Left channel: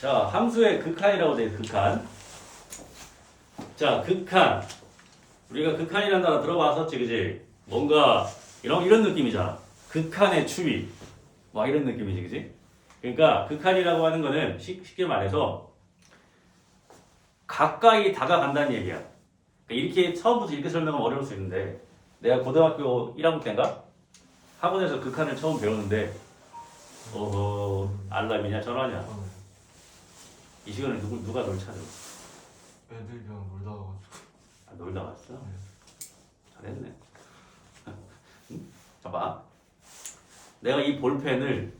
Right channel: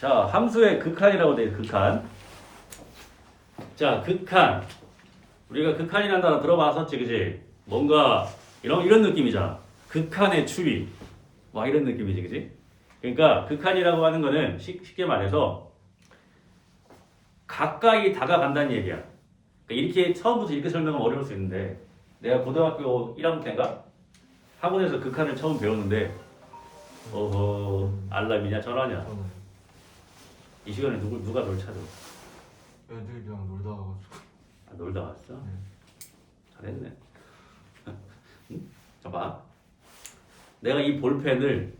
자, 함수의 극한이라고 돼, 극한. 자, 극한. 우리가 극한이라는 단어 들어봤었지, 그지? 뭔가 이런 느낌이잖아. 극한의 추위. 막 이런 느낌이지, 그지? 그러니까 극한이라고 하는 거는 쉽게 말해서 가까이 다가간다는 얘기야. 그러니까 이렇게 처음부터 이렇게 설명하면 어려울 수 있는데 내가 고등학교 1학년 때인가 학원에서 극한을 처음 배웠는데 알람이냐 전화냐 이 시간에 누가 널 찾아? 애들이랑 놀다 와가지고. 아, 놀다 왔어? 네. 잘했네. 응? 봐봐. 내가 이 볼펜을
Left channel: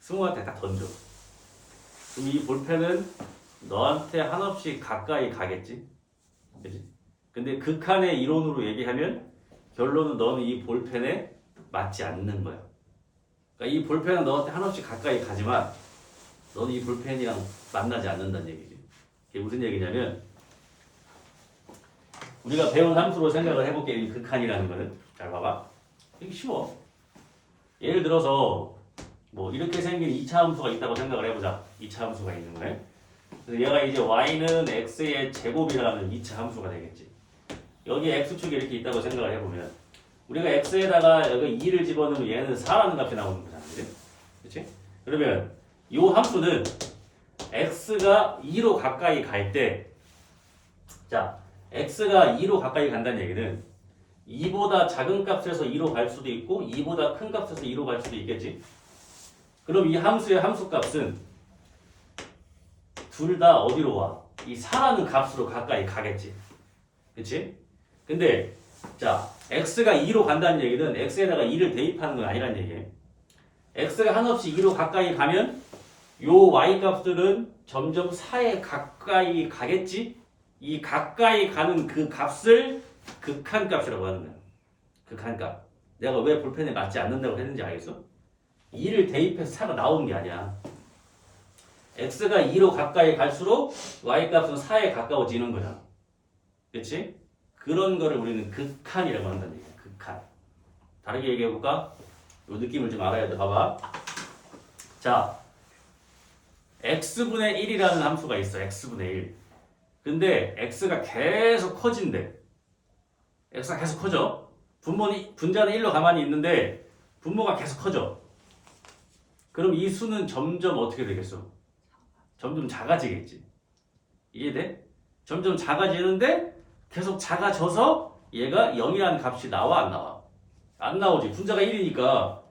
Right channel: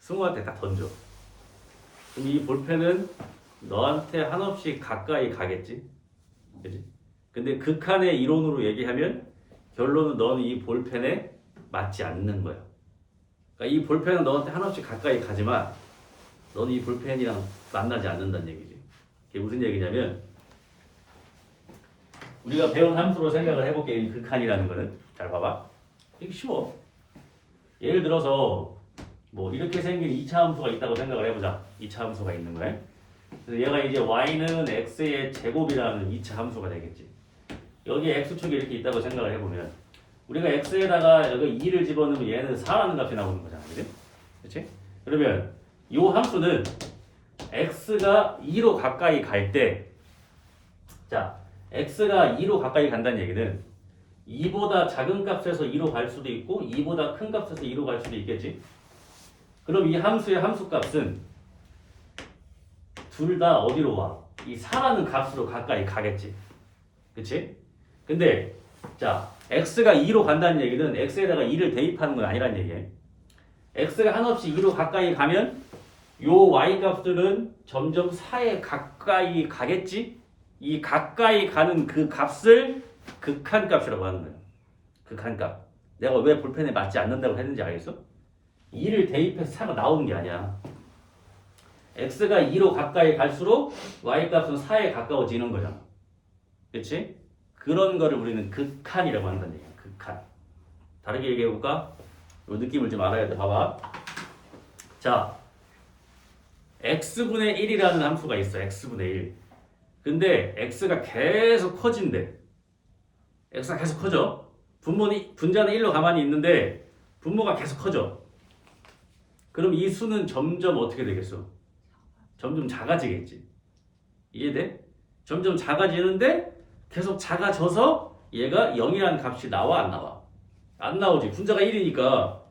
승우한테 딱 던져. 그럼 이 볼펜은 너한테 한없이 가까이 가겠지? 그지? 근데 극한의 이론으로 얘기하면 결론은 너는 이 볼펜에 맞지 않는 거야. 그러니까 이 볼펜은 너한테 한없이 가까이 가지만 너는 이 볼펜이랑 만나지 않는다는 얘기지. 그게 무슨 얘기냐면 우리가 배운 함수로 생각을 해볼게. 이 극한이라는 거는. 잘 봐봐. 되게 쉬워. 예를 들어서 뭐 이렇게 생긴 2차 함수가 있다고 생각을 해보자. 2차 함수가 있는 거예요. 그래서 얘가 이제 y는 x의 제곱이라는 2차 함수가 되겠지. 여기에 x축이 이렇게 있다고 생각을 해보면 우리가 x에다가 여기 2를 집어넣으면 얘는 4라는 값이 나오는 거잖아. 그치? 그치? 그러면 이 함수는 x가 2로 가까이 갈 때 자, x가 2로 가까이 간다는 얘기는 2보다 작은 값에서 2로 갈 수도 있고 2보다 큰 값에서 2로 갈 수도 있겠지. 그럼 이 함수의 함수값은 둘 다 어디로 와? 이 4라는 값으로 가까이 가겠지. 그치? 근데 자, x가 2로 간다는 얘기는 x에다가 2를 대입하는 건 아니란 얘기예요. x가 한없이 2로 가까이 가면 요 y 값들은 점점 4에 가까이 가겠지? 이 가까이 가는 그 값을 극한값이라고 하는 거야. 극한값. 내가 왜 볼펜에 맞지 않는다고 했는지 알겠어? 2를 대입해서 4가 나오는 게 아니야. x가 2로 가까이 갈수록 y값은 4에 가까워지는 거잖아. 그치? 그런 거를 우리는 극한이라고 한다는 얘기야. 극한. 다르게 얘기해볼까? 이 느낌을 좀 알아야 돼. 봐봐. 자, x분의 1이라는 함수가 있어. x분의 1. 근데 x가 계속 커진대. x가 계속 커져. 분자는 1로 가만히 있는데 분모가 계속 커져. 그럼 이 수는 점점 어떻게 되겠어? 점점 작아지겠지. 이해돼? 점점 작아지는데 계속 작아져서 얘가 0이라는 값이 나와 안 나와? 안 나오지. 분자가 1이니까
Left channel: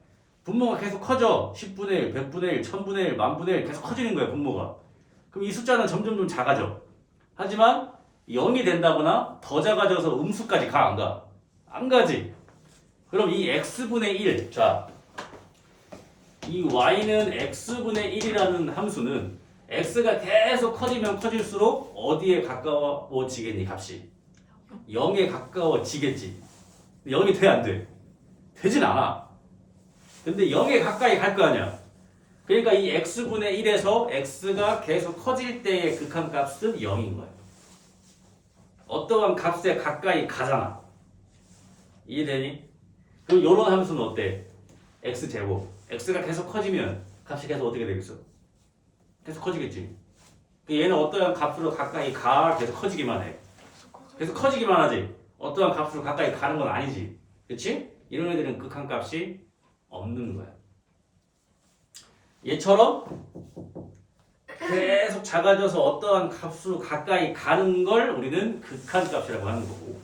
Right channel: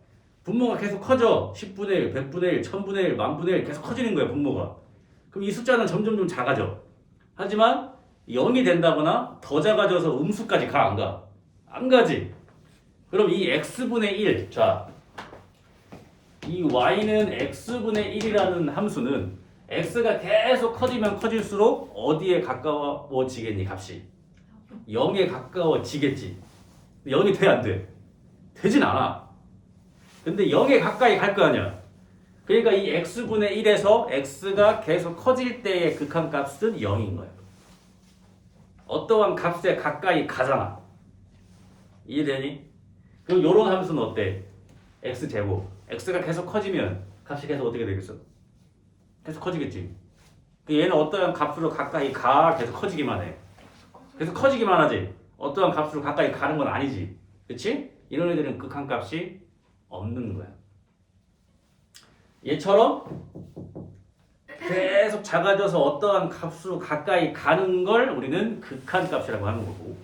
분모가 계속 커져. 10분의 1, 100분의 1, 1000분의 1, 만분의 1 계속 커지는 거야 분모가. 그럼 이 숫자는 점점 좀 작아져. 하지만 0이 된다거나 더 작아져서 음수까지 가 안 가? 안 가지. 그럼 이 x분의 1, 자, 이 y는 x분의 1이라는 함수는 x가 계속 커지면 커질수록 어디에 가까워지겠니 값이? 0에 가까워지겠지. 0이 돼 안 돼? 되진 않아. 근데 0에 가까이 갈 거 아니야. 그러니까 이 x분의 1에서 x가 계속 커질 때의 극한값은 0인 거야. 어떠한 값에 가까이 가잖아. 이해되니? 그럼 이런 함수는 어때? x제곱. x가 계속 커지면 값이 계속 어떻게 되겠어? 계속 커지겠지. 얘는 어떠한 값으로 가까이 가 계속 커지기만 해. 계속 커지기만 하지. 어떠한 값으로 가까이 가는 건 아니지. 그치? 이런 애들은 극한값이 없는 거야. 얘처럼 계속 작아져서 어떠한 값으로 가까이 가는 걸 우리는 극한값이라고 하는 거고.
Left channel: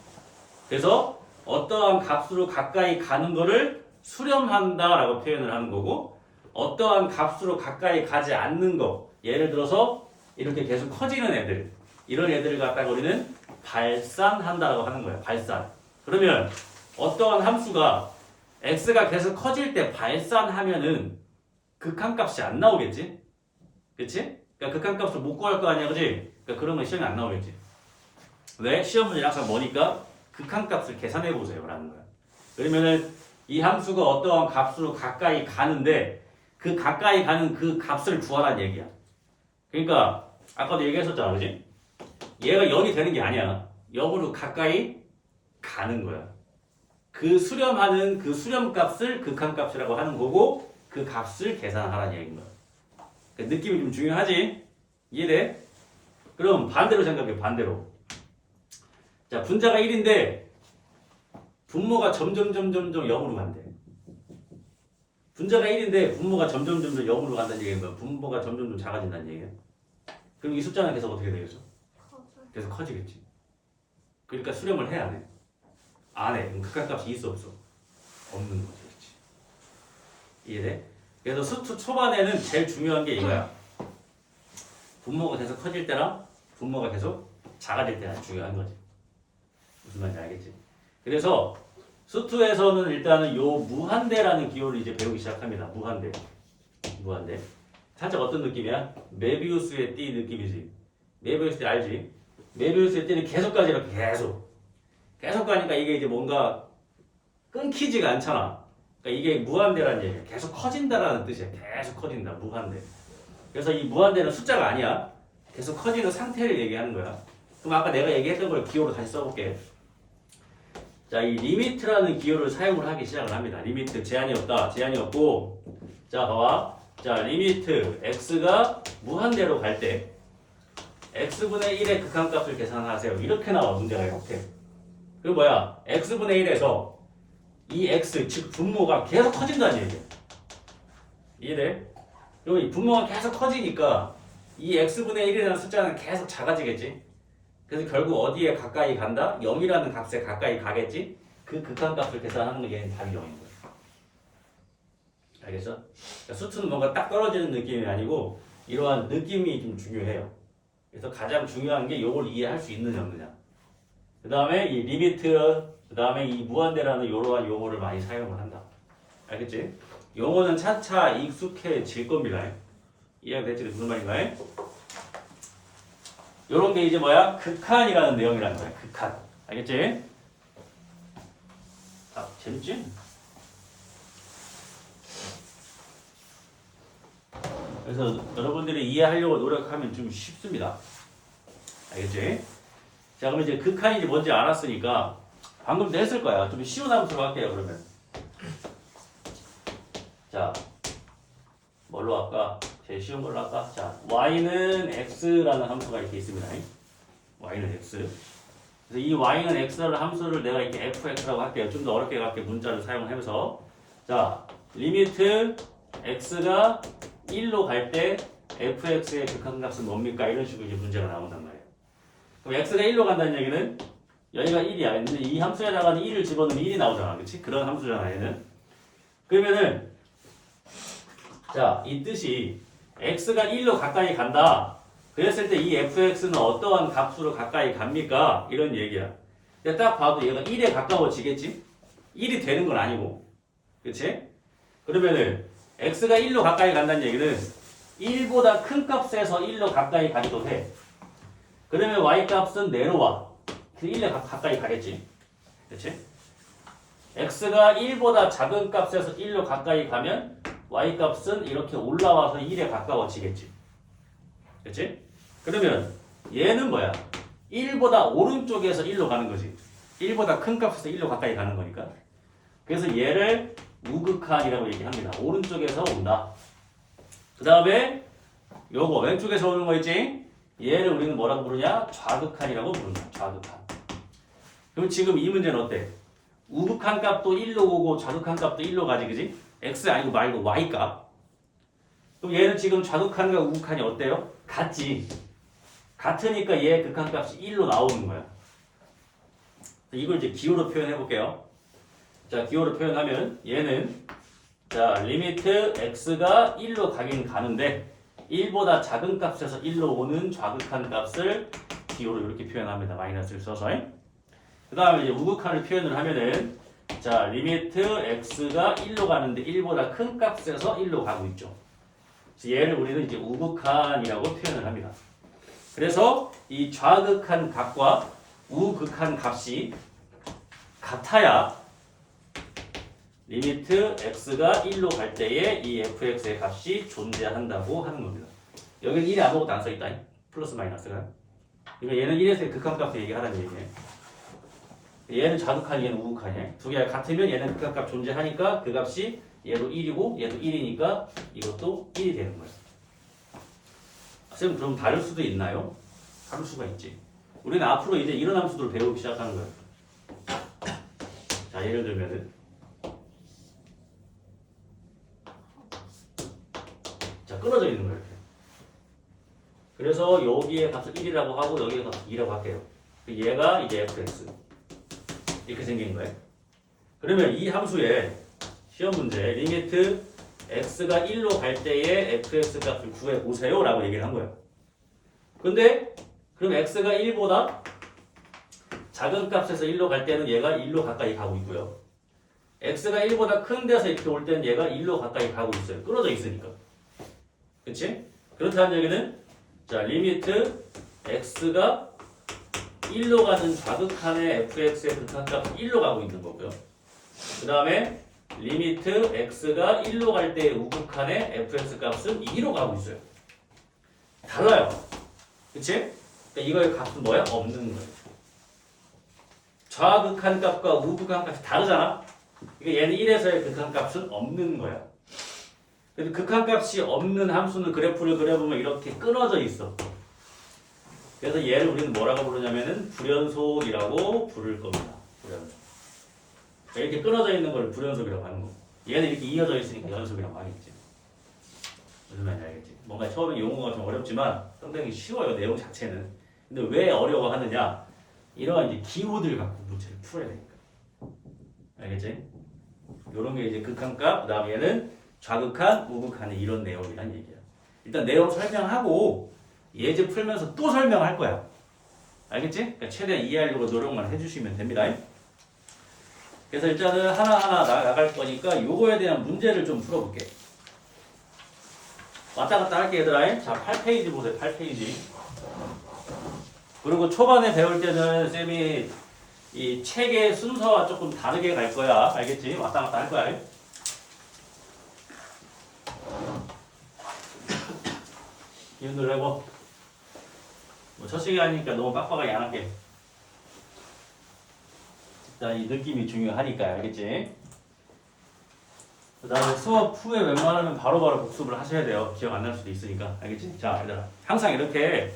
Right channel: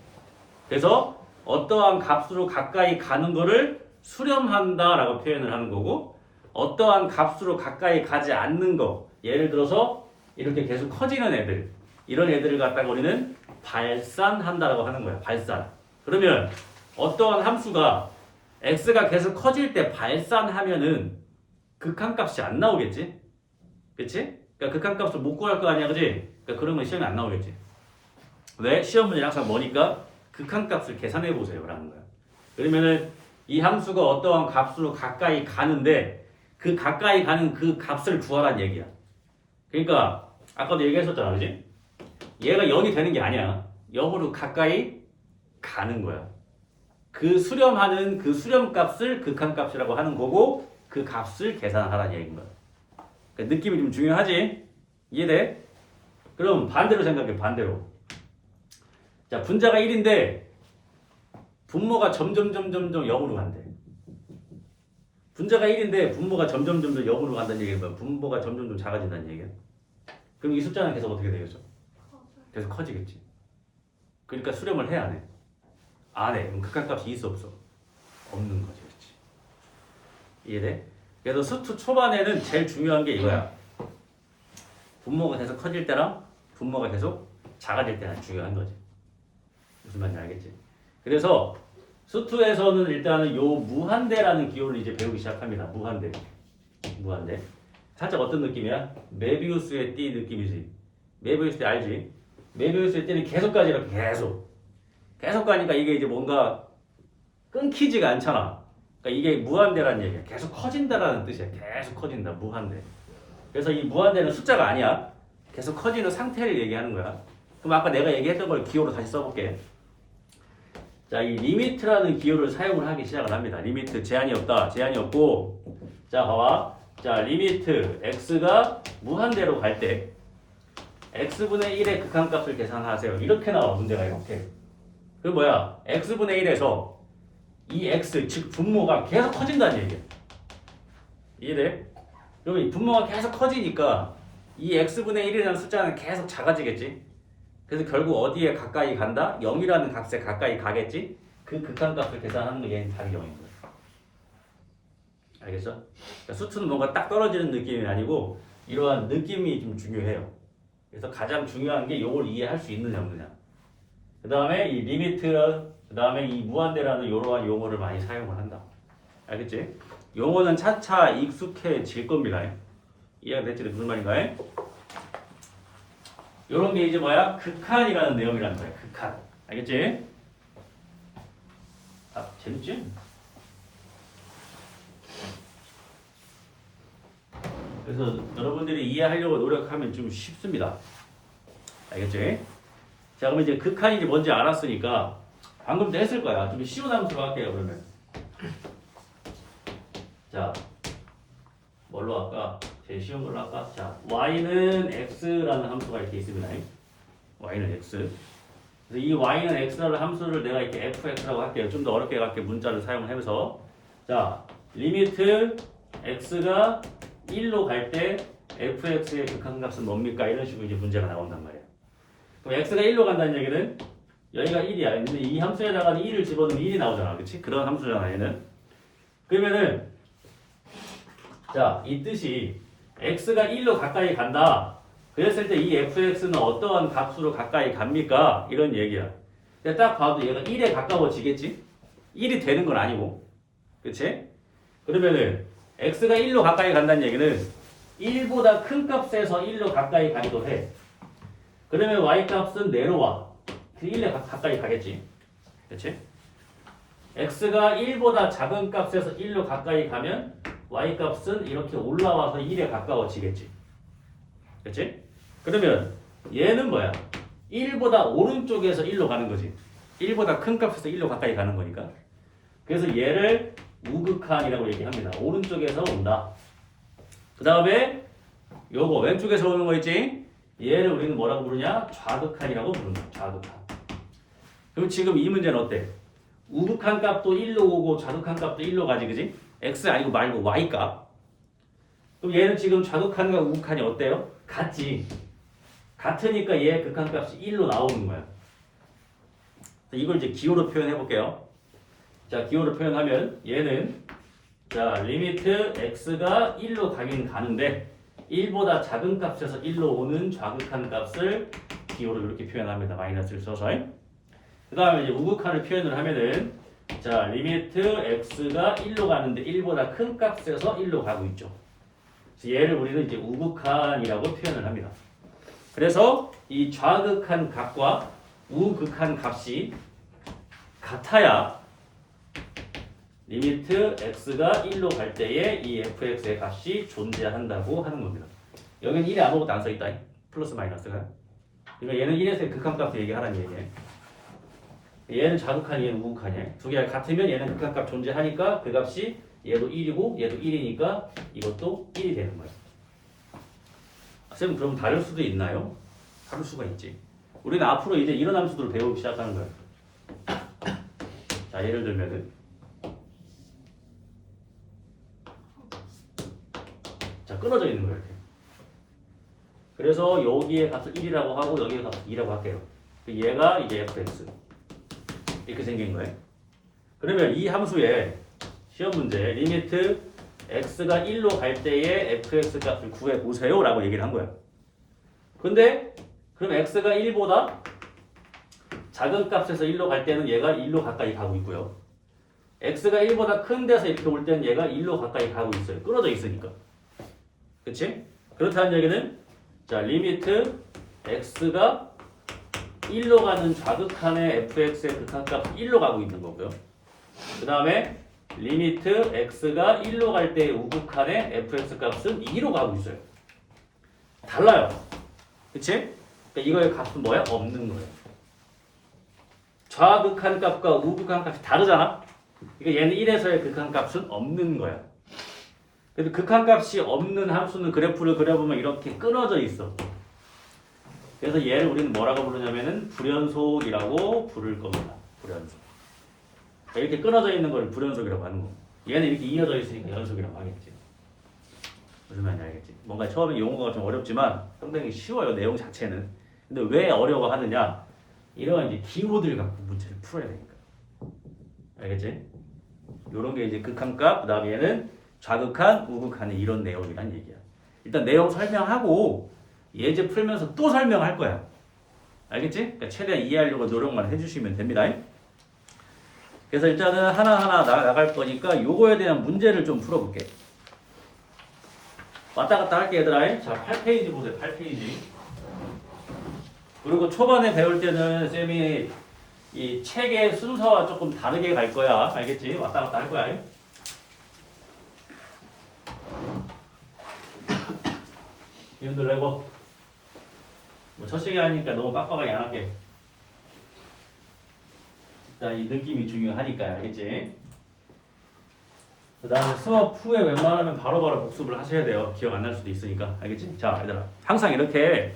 그래서 어떠한 값으로 가까이 가는 거를 수렴한다라고 표현을 하는 거고, 어떠한 값으로 가까이 가지 않는 거, 예를 들어서 이렇게 계속 커지는 애들, 이런 애들을 갖다가 우리는 발산한다라고 하는 거야. 발산. 그러면 어떠한 함수가 x가 계속 커질 때 발산하면은 극한값이 안 나오겠지? 그치? 그러니까 극한값을 못 구할 거 아니야, 그치? 그러니까 그러면 시험에 안 나오겠지. 왜? 시험 문제 항상 뭐니까 극한값을 계산해 보세요 라는 거야. 그러면은 이 함수가 어떠한 값으로 가까이 가는데 그 가까이 가는 그 값을 구하란 얘기야. 그러니까 아까도 얘기했었잖아, 그치? 얘가 0이 되는 게 아니야. 0으로 가까이 가는 거야. 그 수렴하는 그 수렴값을 극한값이라고 하는 거고 그 값을 계산하라는 얘기인 거야. 그러니까 느낌이 좀 중요하지? 이해돼? 그럼 반대로 생각해. 반대로. 자, 분자가 1인데 분모가 점점 0으로 간대. 분자가 1인데 분모가 점점 0으로 간다는 얘기는 뭐야? 분모가 점점 작아진다는 얘기야. 그럼 이 숫자는 계속 어떻게 되겠어? 계속 커지겠지. 그러니까 수렴을 해, 안 해? 안 해. 그럼 극한값이 있어, 없어? 없는 거지. 그렇지. 이해돼? 그래서 수투 초반에는 제일 중요한 게 이거야. 분모가 계속 커질 때랑 분모가 계속 작아질 때가 중요한 거지. 무슨 말인지 알겠지? 그래서 수투에서는 일단은 요 무한대라는 기호를 이제 배우기 시작합니다. 무한대. 무한대. 살짝 어떤 느낌이야? 메비우스의 띠 느낌이지. 메비우스 띠 알지? 메비우스의 띠는 계속 가지 이렇게 계속 가니까 이게 이제 뭔가 끊기지가 않잖아. 그러니까 이게 무한대라는 얘기야. 계속 커진다라는 뜻이야. 계속 커진다. 무한대. 그래서 이 무한대는 숫자가 아니야. 계속 커지는 상태를 얘기하는 거야. 그럼 아까 내가 얘기했던 걸 기호로 다시 써볼게. 자, 이 리미트라는 기호를 사용을 하기 시작을 합니다. 리미트 제한이 없다. 제한이 없고, 자, 봐봐. 자, 리미트 x가 무한대로 갈 때 x분의 1의 극한값을 계산하세요. 이렇게 나와 문제가 이렇게. 그럼 뭐야? x분의 1에서 이 x 즉 분모가 계속 커진다는 얘기야. 이해돼? 그럼 이 분모가 계속 커지니까 이 x분의 1이라는 숫자는 계속 작아지겠지. 그래서 결국 어디에 가까이 간다? 0이라는 값에 가까이 가겠지? 그 극한값을 계산하는 게 얘는 답이 0인 거야. 알겠어? 그러니까 수투는 뭔가 딱 떨어지는 느낌이 아니고 이러한 느낌이 좀 중요해요. 그래서 가장 중요한 게 이걸 이해할 수 있느냐 없느냐. 그 다음에 이 리미트, 그 다음에 이 무한대라는 이러한 용어를 많이 사용을 한다. 알겠지? 용어는 차차 익숙해질 겁니다. 이해가 됐지? 무슨 말인가? 요런 게 이제 뭐야? 극한이라는 내용이라는 거야. 극한. 알겠지? 아, 재밌지? 그래서 여러분들이 이해하려고 노력하면 좀 쉽습니다. 알겠지? 자, 그러면 이제 극한이 뭔지 알았으니까 방금도 했을 거야. 좀 쉬운 함수로 할게요, 그러면. 자, 뭘로 할까? 제일 쉬운 걸로 할까? 자, y는 x라는 함수가 이렇게 있습니다. y는 x. 그래서 이 y는 x라는 함수를 내가 이렇게 fx라고 할게요. 좀 더 어렵게 갈게 문자를 사용하면서. 자, 리미트 x가 1로 갈 때 fx의 극한값은 뭡니까? 이런 식으로 이제 문제가 나온단 말이야. 그럼 x가 1로 간다는 얘기는 여기가 1이야. 근데 이 함수에다가 1을 집어넣으면 1이 나오잖아. 그치? 그런 함수잖아, 얘는. 그러면은 자, 이 뜻이 x가 1로 가까이 간다. 그랬을 때 이 fx는 어떠한 값으로 가까이 갑니까? 이런 얘기야. 근데 딱 봐도 얘가 1에 가까워지겠지? 1이 되는 건 아니고. 그치? 그러면은 x가 1로 가까이 간다는 얘기는 1보다 큰 값에서 1로 가까이 가기도 해. 그러면 y 값은 내려와. 1에 가까이 가겠지. 그치? x가 1보다 작은 값에서 1로 가까이 가면 y 값은 이렇게 올라와서 1에 가까워지겠지. 그치? 그러면 얘는 뭐야? 1보다 오른쪽에서 1로 가는 거지. 1보다 큰 값에서 1로 가까이 가는 거니까. 그래서 얘를 우극한이라고 얘기합니다. 오른쪽에서 온다. 그 다음에 요거 왼쪽에서 오는 거 있지? 얘를 우리는 뭐라고 부르냐? 좌극한이라고 부른다. 좌극한. 그럼 지금 이 문제는 어때? 우극한 값도 1로 오고 좌극한 값도 1로 가지, 그지? x 아니고 말고 y 값. 그럼 얘는 지금 좌극한과 우극한이 어때요? 같지. 같으니까 얘 극한값이 1로 나오는 거야. 이걸 이제 기호로 표현해 볼게요. 자, 기호로 표현하면 얘는 자, 리미트 x가 1로 가긴 가는데 1보다 작은 값에서 1로 오는 좌극한 값을 기호로 이렇게 표현합니다. 마이너스를 써서. 그 다음에 이제 우극한을 표현을 하면은 자, 리미트 x가 1로 가는데 1보다 큰 값에서 1로 가고 있죠. 그래서 얘를 우리는 이제 우극한이라고 표현을 합니다. 그래서 이 좌극한 값과 우극한 값이 같아야 리미트 x가 1로 갈 때에 이 fx의 값이 존재한다고 하는 겁니다. 여기는 1에 아무것도 안 써있다. 플러스 마이너스가. 그러니까 얘는 1에서의 극한값을 얘기하라는 얘기예요. 얘는 좌극한, 얘는 우극한이야. 두 개가 같으면 얘는 극한값 존재하니까 그 값이 얘도 1이고 얘도 1이니까 이것도 1이 되는 거예요. 쌤 그럼 다를 수도 있나요? 다를 수가 있지. 우리는 앞으로 이제 이런 함수들을 배우기 시작하는 거야. 자, 예를 들면은 자, 끊어져 있는 거예요. 이렇게. 그래서 여기에 값을 1이라고 하고 여기에 값을 2라고 할게요. 얘가 이제 fx 이렇게 생긴 거예요. 그러면 이 함수의 시험 문제 리미트 x가 1로 갈 때의 fx 값을 구해 보세요 라고 얘기를 한 거예요. 근데 그럼 x가 1보다 작은 값에서 1로 갈 때는 얘가 1로 가까이 가고 있고요. x가 1보다 큰 데서 이렇게 올 때는 얘가 1로 가까이 가고 있어요. 끊어져 있으니까. 그치? 그렇다는 얘기는 자 리미트 x가 1로 가는 좌극한의 fx의 극한값 1로 가고 있는 거고요. 그 다음에 리미트 x가 1로 갈 때의 우극한의 fx 값은 2로 가고 있어요. 달라요. 그치? 그러니까 이거의 값은 뭐야? 없는 거예요. 좌극한 값과 우극한 값이 다르잖아? 그러니까 얘는 1에서의 극한 값은 없는 거야. 그래서 극한 값이 없는 함수는 그래프를 그려보면 이렇게 끊어져 있어. 그래서 얘를 우리는 뭐라고 부르냐면은 불연속이라고 부를 겁니다. 불연속. 자, 이렇게 끊어져 있는 걸 불연속이라고 하는 거. 얘는 이렇게 이어져 있으니까 연속이라고 하겠지. 무슨 말인지 알겠지? 뭔가 처음에 용어가 좀 어렵지만 상당히 쉬워요. 내용 자체는. 근데 왜 어려워하느냐? 이러한 이제 기호들 갖고 문제를 풀어야 되니까. 알겠지? 요런 게 이제 극한값, 그 다음에 얘는 좌극한, 우극한의 이런 내용이란 얘기야. 일단 내용 설명하고 예제 풀면서 또 설명할 거야. 알겠지? 그러니까 최대한 이해하려고 노력만 해주시면 됩니다. 그래서 일단은 하나하나 나갈 거니까 요거에 대한 문제를 좀 풀어볼게. 왔다 갔다 할게 얘들아. 자, 8페이지 보세요. 8페이지. 그리고 초반에 배울 때는 쌤이 이 책의 순서와 조금 다르게 갈 거야. 알겠지? 왔다 갔다 할 거야. 이분들 내고 첫 시간이니까 너무 빡빡하게 안 할게. 자, 이 느낌이 중요하니까 알겠지? 그 다음에 수업 후에 웬만하면 바로바로 복습을 하셔야 돼요. 기억 안 날 수도 있으니까. 알겠지? 자, 얘들아. 항상 이렇게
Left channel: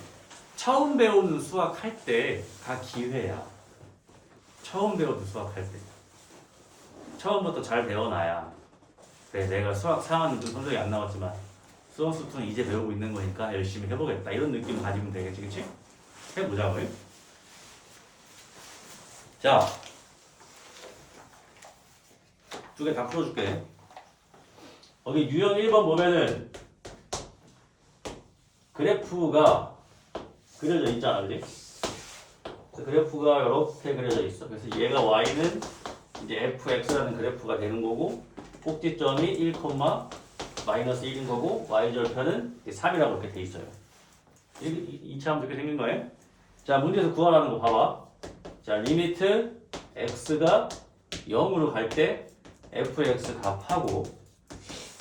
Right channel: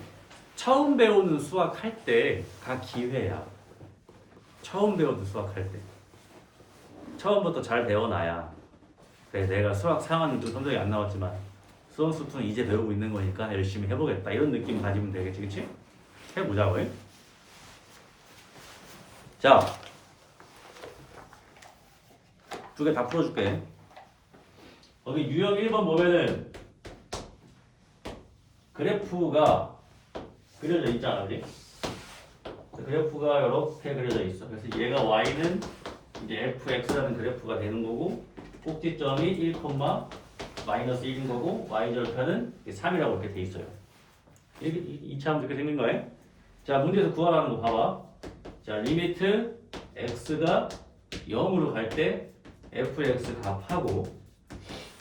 처음 배우는 수학 할 때가 기회야. 처음 배우는 수학 할 때. 처음부터 잘 배워놔야. 그래, 내가 수학 상황은 좀 성적이 안 나왔지만 수험 수투는 이제 배우고 있는 거니까 열심히 해보겠다. 이런 느낌 가지면 되겠지, 그치? 해보자고요. 자, 두 개 다 풀어줄게. 거기 유형 1번 보면은 그래프가 그려져 있잖아, 그지? 그래서 그래프가 이렇게 그려져 있어. 그래서 얘가 y는 이제 fx라는 그래프가 되는 거고, 꼭지점이 1, 마이너스 1인 거고, y절편은 3이라고 이렇게 돼 있어요. 이차함 이렇게 생긴 거예요. 자, 문제에서 구하라는 거 봐봐. 자, 리미트 x가 0으로 갈 때 fx 값하고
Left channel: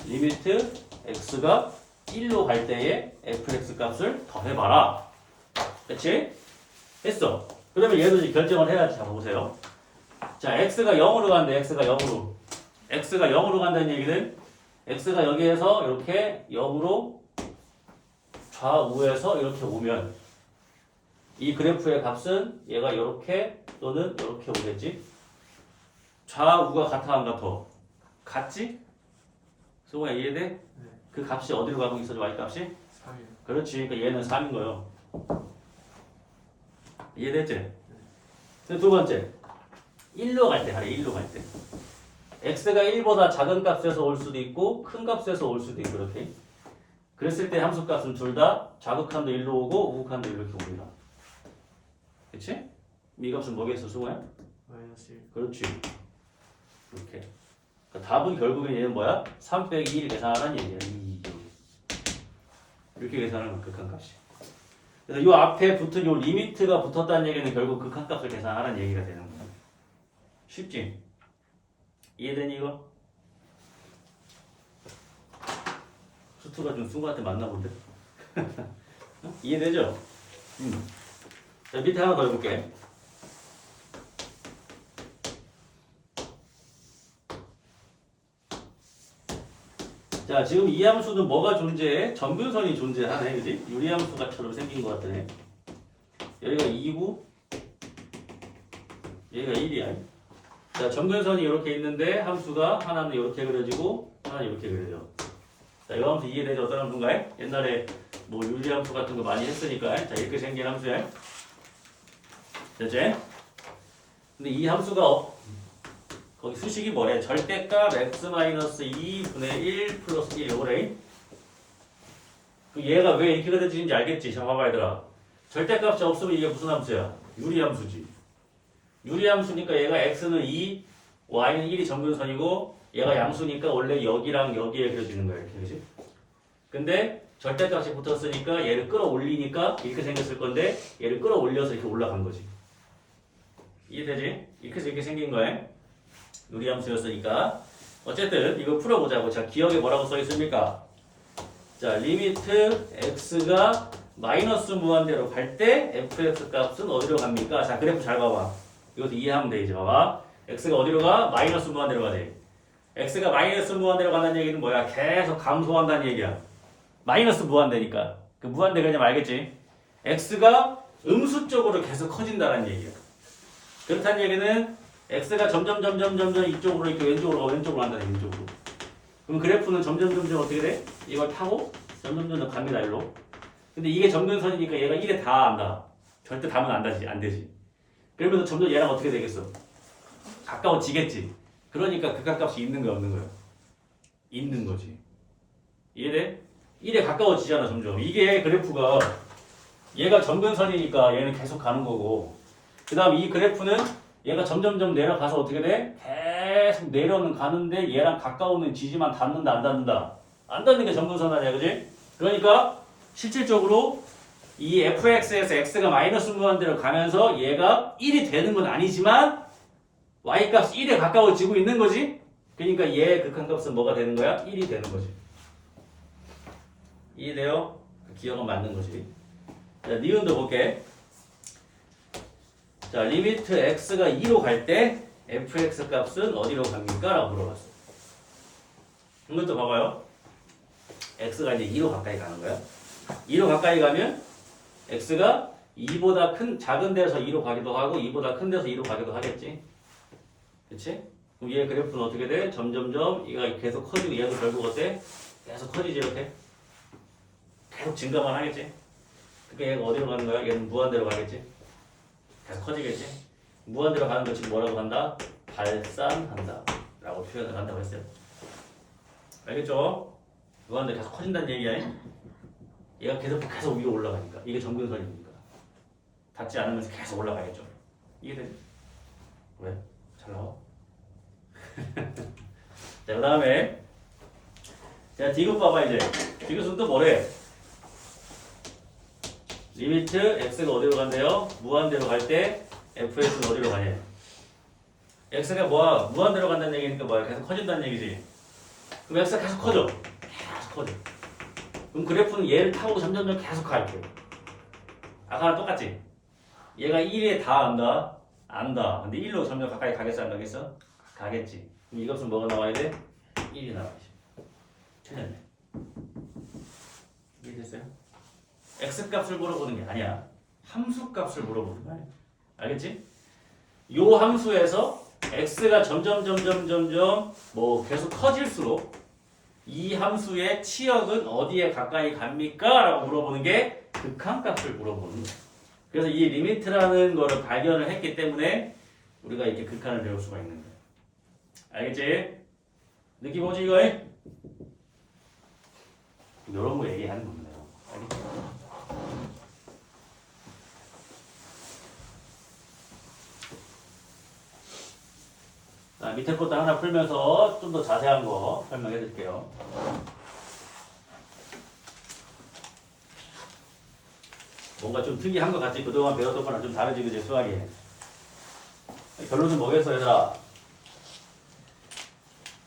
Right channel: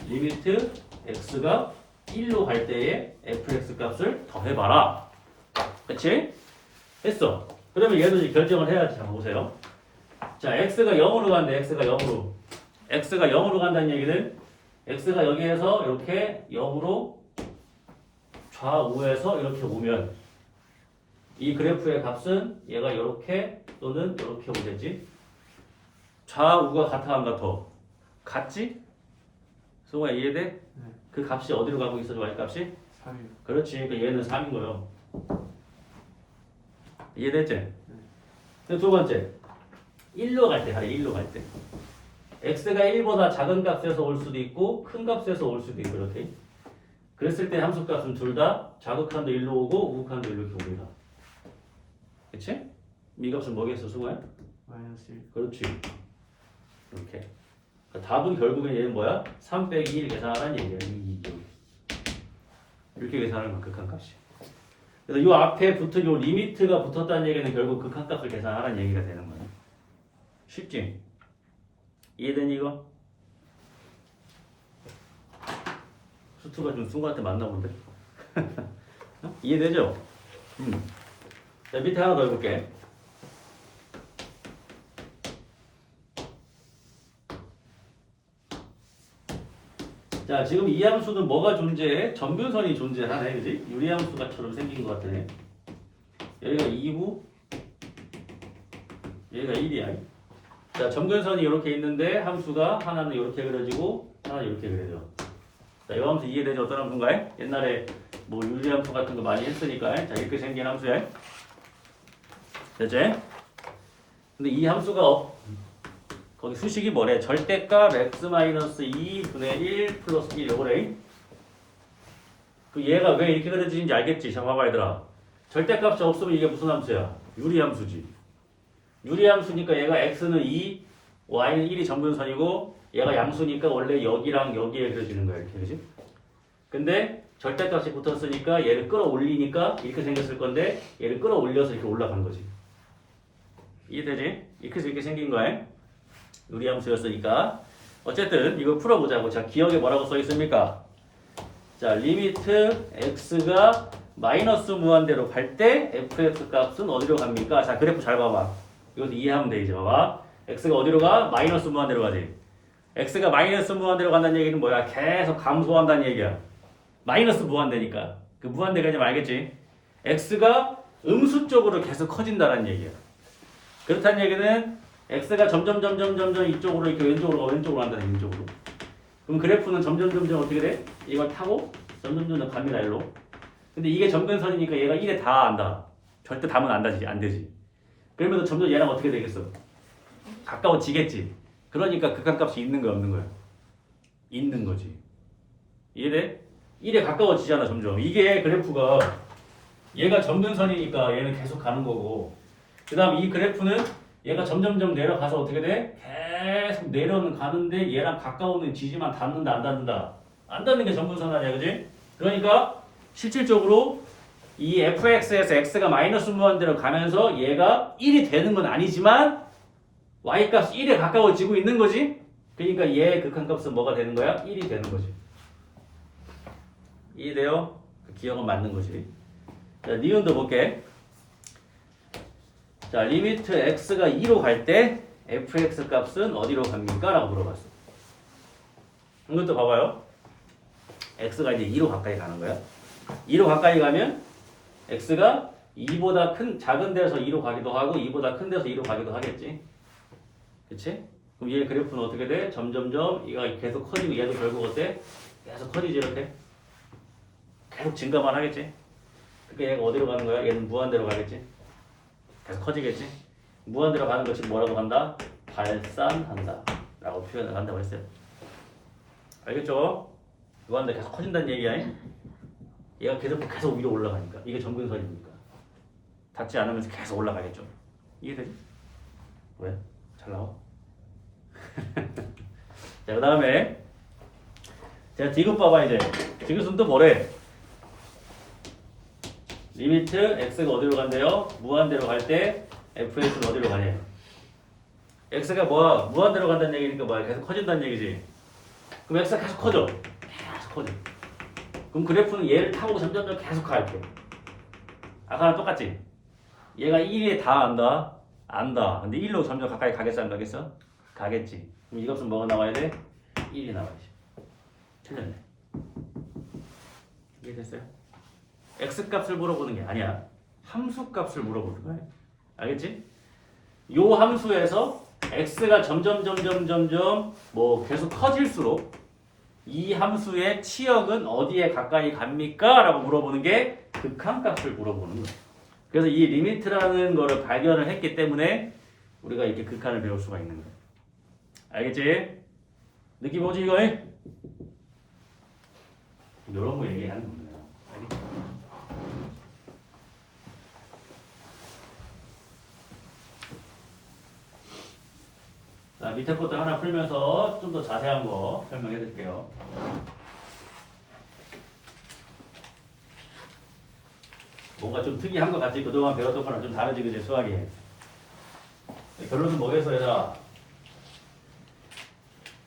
리미트 x가 1로 갈 때의 fx 값을 더해봐라. 그치? 했어. 그러면 얘도 이제 결정을 해야지. 자, 보세요. 자, x가 0으로 간대. x가 0으로. x가 0으로 간다는 얘기는 x가 여기에서 이렇게 0으로 좌우에서 이렇게 오면 이 그래프의 값은 얘가 이렇게 또는 이렇게 오겠지? 좌우가 같아 안 같아? 같지? 승호야 이해돼? 네. 그 값이 어디로 가고 있어? y값이? 3이요. 그렇지. 그러니까 얘는 3인 거예요. 이해됐지? 네. 두 번째 1로 갈 때 하래. 1로 갈 때 x가 1보다 작은 값에서 올 수도 있고 큰 값에서 올 수도 있고 이렇게. 그랬을 때 함수값은 둘 다 좌극한도 1로 오고 우극한도 이렇게 옵니다. 그치? 이 값은 뭐겠어, 승호야? 마이너스 1. 그렇지. 이렇게. 그러니까 답은 결국엔 얘는 뭐야? 3 빼기 1 계산하라는 얘기야. 이렇게 계산하는 거야, 극한값이. 그래서 이 앞에 붙은 이 리미트가 붙었다는 얘기는 결국 극한값을 계산하라는 얘기가 되는 거야. 쉽지? 이해되니 이거? 수투가 좀 승우한테 맞나 본데? 이해되죠? 자, 밑에 하나 더 해볼게. 자, 지금 이 함수는 뭐가 존재해? 점근선이 존재하네, 그지? 유리함수가처럼 생긴 것 같네. 여기가 2고, 여기가 1이야. 자, 점근선이 이렇게 있는데 함수가 하나는 이렇게 그려지고 하나는 이렇게 그려져. 자, 이 함수 이해되지? 어떤 함수인가요? 옛날에 뭐 유리함수 같은 거 많이 했으니까. 자, 이렇게 생긴 함수야. 됐지? 근데 이 함수가 거기 수식이 뭐래? 절대값 x-2분의 1 플러스 1 요거래. 그 얘가 왜 이렇게 그려지는지 알겠지? 자, 봐봐 얘들아. 절대값이 없으면 이게 무슨 함수야? 유리함수지. 유리함수니까 얘가 x는 2, y는 1이 점근선이고 얘가 양수니까 원래 여기랑 여기에 그려지는 거야. 이렇게, 그지? 근데 절대값이 붙었으니까 얘를 끌어올리니까 이렇게 생겼을 건데 얘를 끌어올려서 이렇게 올라간 거지. 이해되지? 이렇게 생긴 거야. 유리함수였으니까. 어쨌든 이거 풀어보자고. 자, 기억에 뭐라고 써 있습니까? 자, 리미트 x가 마이너스 무한대로 갈 때 fx 값은 어디로 갑니까? 자, 그래프 잘 봐봐. 이것도 이해하면 돼. 이제 봐봐. x가 어디로 가? 마이너스 무한대로 가지. x가 마이너스 무한대로 간다는 얘기는 뭐야? 계속 감소한다는 얘기야. 마이너스 무한대니까. 그 무한대 그냥 알겠지? x가 음수 쪽으로 계속 커진다는 얘기야. 그렇다는 얘기는 x가 점점 이쪽으로 이렇게 왼쪽으로 간다. 왼쪽으로. 그럼 그래프는 점점 어떻게 돼? 이걸 타고 점점 갑니다. 일로. 근데 이게 점근선이니까 얘가 1에 다 안다. 절대 담은 안 되지. 그러면서 점점 얘랑 어떻게 되겠어? 가까워지겠지. 그러니까 극한값이 있는 거야, 없는 거야? 있는 거지. 이해돼? 1에 가까워지잖아, 점점. 이게 그래프가 얘가 점근선이니까 얘는 계속 가는 거고, 그 다음 이 그래프는 얘가 점점 내려가서 어떻게 돼? 계속 내려는 가는데 얘랑 가까우는 지지만 닿는다, 안 닿는다? 안 닿는 게 점근선 아니야, 그지? 그러니까 실질적으로 이 fx에서 x가 마이너스 무한대로 가면서 얘가 1이 되는 건 아니지만 y값이 1에 가까워지고 있는 거지. 그러니까 얘의 극한값은 뭐가 되는 거야? 1이 되는 거지. 이해돼요? 그 기억은 맞는 거지. 자, 니은도 볼게. 자, 리미트 x가 2로 갈 때 fx 값은 어디로 갑니까? 라고 물어봤어. 이것도 봐봐요. x가 이제 2로 가까이 가는 거야. 2로 가까이 가면 x가 2보다 작은 데서 2로 가기도 하고 2보다 큰 데서 2로 가기도 하겠지. 그치? 그럼 얘 그래프는 어떻게 돼? 점점점 얘가 계속 커지고 얘도 결국 어때? 계속 커지지 이렇게. 계속 증가만 하겠지. 그러니까 얘가 어디로 가는 거야? 얘는 무한대로 가겠지. 계속 커지겠지. 무한대로 가는 거 지금 뭐라고 한다? 발산한다 라고 표현을 한다고 했어요. 알겠죠? 무한대로 계속 커진다는 얘기야. 얘가 계속 위로 올라가니까. 이게 점근선이니까. 닿지 않으면서 계속 올라가겠죠. 이해되지? 왜? 잘 나와? 자, 그 다음에 제가 디귿 봐봐 이제. 디귿은 또 뭐래? 리미트 x가 어디로 간대요? 무한대로 갈 때 fx는 어디로 가냐? x가 뭐야? 무한대로 간다는 얘기니까 뭐야? 계속 커진다는 얘기지. 그럼 x가 계속 커져. 계속 커져. 그럼 그래프는 얘를 타고 점점 계속 가 이렇게. 아까랑 똑같지? 얘가 1에 다 안다. 안다. 근데 1로 점점 가까이 가겠어 안 가겠어? 가겠지. 그럼 이 값은 뭐가 나와야 돼? 1이 나와야지. 틀렸네. 이해됐어요? x 값을 물어보는 게 아니야. 함수 값을 물어보는 거야. 알겠지? 요 함수에서 x가 점점 뭐 계속 커질수록 이 함수의 치역은 어디에 가까이 갑니까? 라고 물어보는 게 극한값을 물어보는 거야. 그래서 이 리미트라는 거를 발견을 했기 때문에 우리가 이렇게 극한을 배울 수가 있는 거야. 알겠지? 느낌 오지 이거? 이런 거 얘기하는 겁니다. 알겠지? 자, 밑에 것도 하나 풀면서 좀 더 자세한 거 설명해 드릴게요. 뭔가 좀 특이한 것 같지? 그동안 배웠던 거랑 좀 다르지, 그지? 수학이. 결론은 뭐겠어, 얘들아?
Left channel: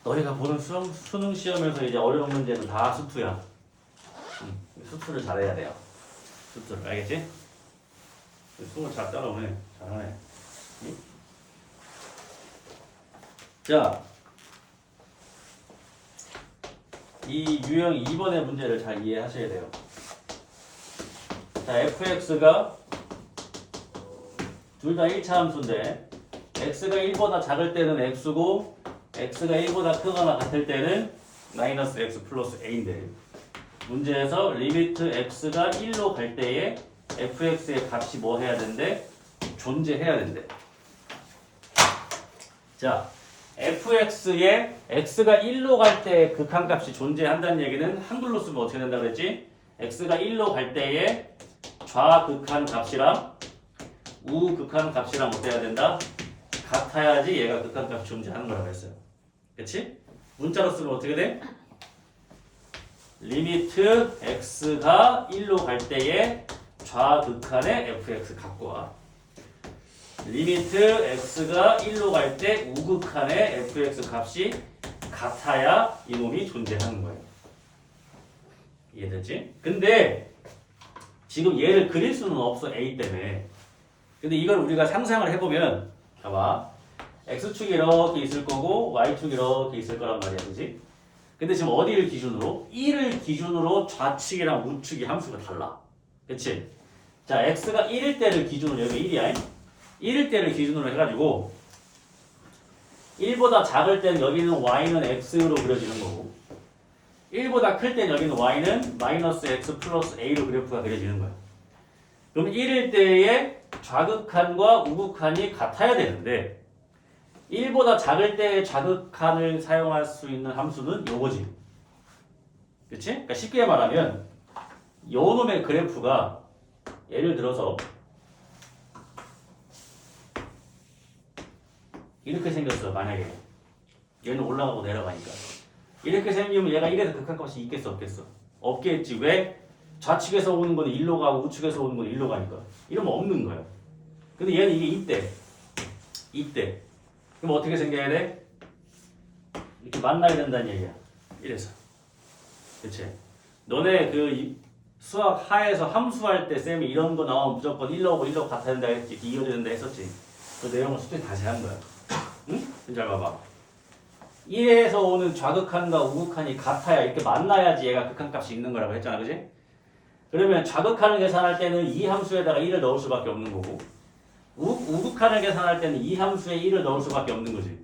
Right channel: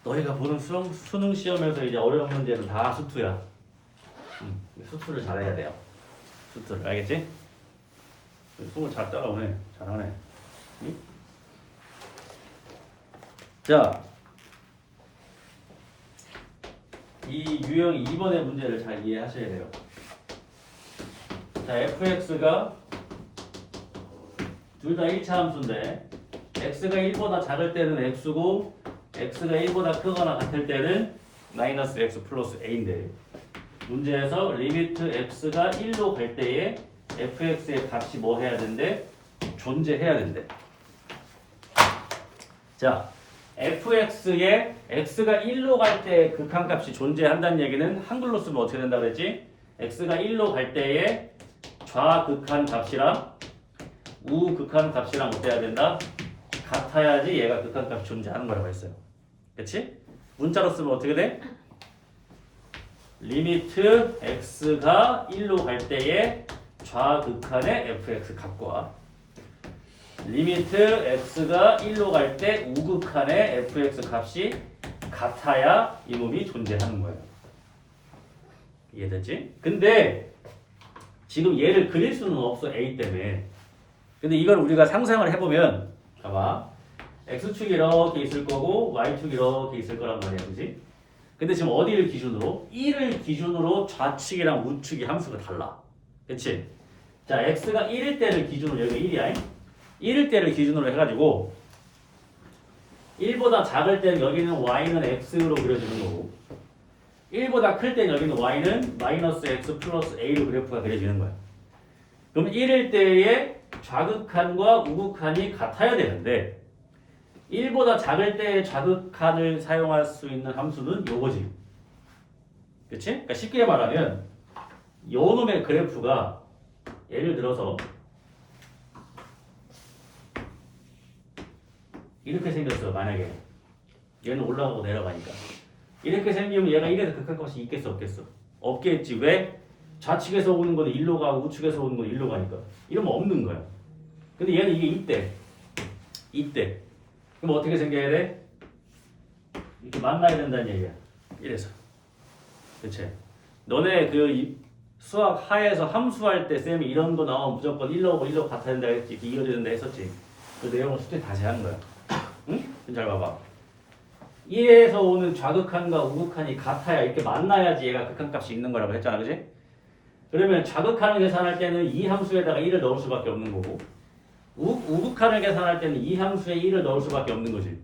너희가 보는 수능 시험에서 이제 어려운 문제는 다 수투야. 수투를 잘해야 돼요. 수투를. 알겠지? 수능 잘 따라오네. 잘하네. 응? 자. 이 유형 2번의 문제를 잘 이해하셔야 돼요. 자, fx가 둘 다 1차 함수인데 x가 1보다 작을 때는 x고 x가 1보다 크거나 같을 때는 마이너스 x 플러스 a인데 문제에서 리미트 x가 1로 갈 때에 fx의 값이 뭐 해야 된대? 존재해야 된대. 자, fx의 x가 1로 갈 때 극한값이 존재한다는 얘기는 한글로 쓰면 어떻게 된다 그랬지? x가 1로 갈 때에 좌극한 값이랑 우극한 값이랑 어때야 된다? 같아야지 얘가 극한값이 존재하는 거라고 했어요. 그치? 문자로 쓰면 어떻게 돼? 리미트 x가 1로 갈 때에 좌극한의 fx 값과 리미트 x가 1로 갈 때 우극한의 fx 값이 같아야 이놈이 존재하는 거예요. 이해됐지? 근데 지금 얘를 그릴 수는 없어 a 때문에. 근데 이걸 우리가 상상을 해보면 봐봐 x축이 이렇게 있을 거고 y축이 이렇게 있을 거란 말이야, 그지? 근데 지금 어디를 기준으로? 1을 기준으로 좌측이랑 우측이 함수가 달라. 그치? 자, x가 1일 때를 기준으로, 여기 1이야. 1일 때를 기준으로 해가지고 1보다 작을 때는 여기는 y는 x로 그려지는 거고 1보다 클 때는 여기는 y는 마이너스 x 플러스 a로 그래프가 그려지는 거야. 그럼 1일 때의 좌극한과 우극한이 같아야 되는데 1보다 작을 때의 좌극한을 사용할 수 있는 함수는 요거지. 그치? 그러니까 쉽게 말하면 요 놈의 그래프가 예를 들어서 이렇게 생겼어. 만약에 얘는 올라가고 내려가니까 이렇게 생기면 얘가 1에서 극한값이 있겠어 없겠어? 없겠지. 왜? 좌측에서 오는 거는 1로 가고 우측에서 오는 거는 1로 가니까 이러면 없는 거야. 근데 얘는 이게 이때 그럼 어떻게 생겨야 돼? 이렇게 만나야 된다는 얘기야. 이래서 그치? 너네 그 수학 하에서 함수할 때 쌤이 이런 거 나오면 무조건 1로고 1로 같아야 된다 했지. 이렇게 이어져야 된다 했었지. 그 내용을 숙제 다시 한 거야. 응? 잘 봐봐. 1에서 오는 좌극한과 우극한이 같아야 이렇게 만나야지 얘가 극한값이 있는 거라고 했잖아, 그지? 그러면 좌극한을 계산할 때는 이 함수에다가 1을 넣을 수밖에 없는 거고 우극한을 계산할 때는 이 함수에 1을 넣을 수밖에 없는 거지.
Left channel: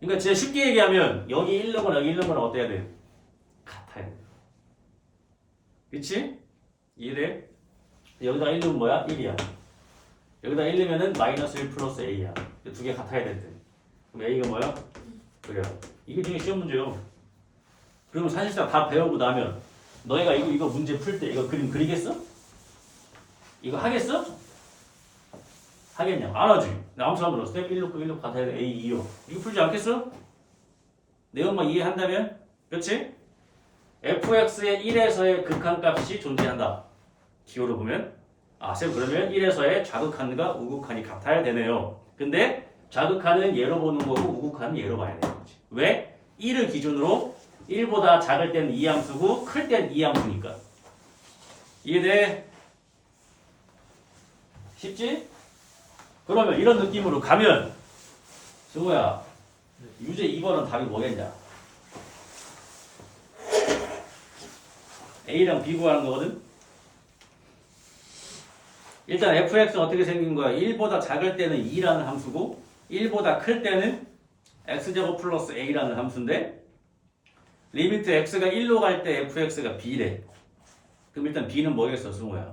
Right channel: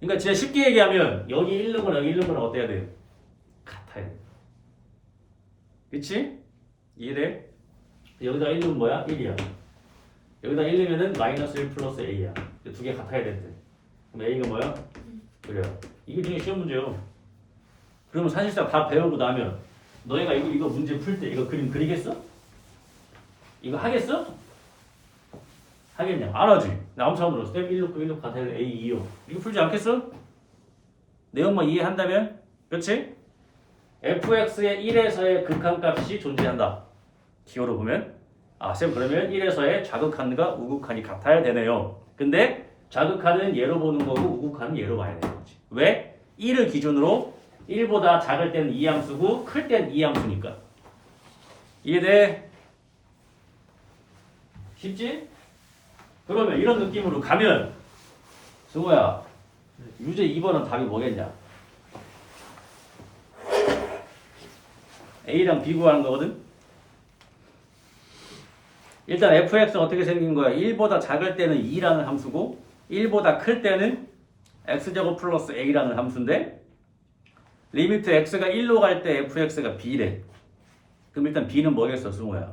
그러니까 진짜 쉽게 얘기하면 여기 1 넣은 거랑 여기 1 넣은 거랑 어때야 돼? 같아야 돼. 그치? 이해돼? 여기다가 1 넣으면 뭐야? 1이야. 여기다 1 넣으면은 마이너스 1 플러스 a야. 두 개 같아야 된대. 그럼 a가 뭐야? 그래요. 이게 되게 쉬운 문제요. 그러면 사실상 다 배우고 나면 너희가 이거 문제 풀 때 이거 그림 그리겠어? 이거 하겠어? 하겠냐? 안 하지. 나 아무 사람들어. 스텝 1 놓고 1 놓고 같아야 돼. a 2요. 이거 풀지 않겠어? 내용만 이해한다면? 그렇지? fx의 1에서의 극한값이 존재한다. 기호로 보면 쌤 그러면 1에서의 좌극한과 우극한이 같아야 되네요. 근데 좌극한은 얘로 보는 거고 우극한은 얘로 봐야 되는 거지. 왜? 1을 기준으로 1보다 작을 때는 이 함수고 클 때는 이 함수니까. 이해돼? 쉽지? 그러면 이런 느낌으로 가면 승호야 유제 2번은 답이 뭐겠냐? A랑 B 구하는 거거든? 일단 fx가 어떻게 생긴 거야? 1보다 작을 때는 2라는 함수고 1보다 클 때는 x제곱 플러스 a라는 함수인데 리미트 x가 1로 갈 때 fx가 b래. 그럼 일단 b는 뭐겠어, 승호야?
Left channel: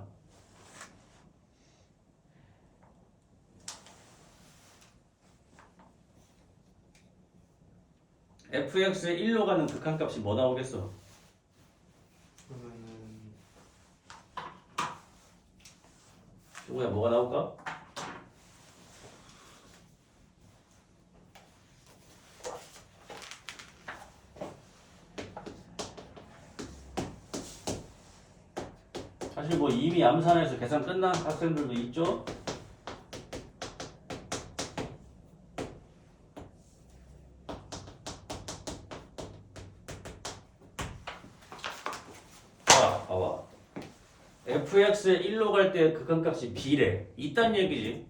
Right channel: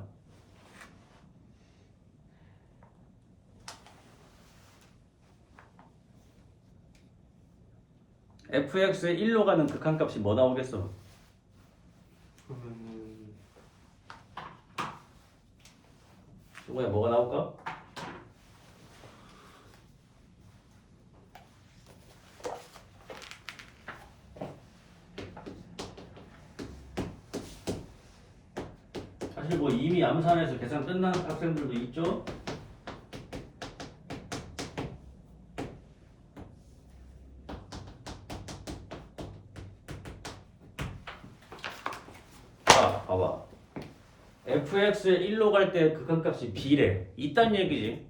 fx의 1로 가는 극한값이 뭐 나오겠어? 그러면은 승호야 뭐가 나올까? 사실 뭐 이미 암산해서 계산 끝난 학생들도 있죠? 자, 봐봐. fx의 1로 갈 때 극한값이 b래. 있단 얘기지.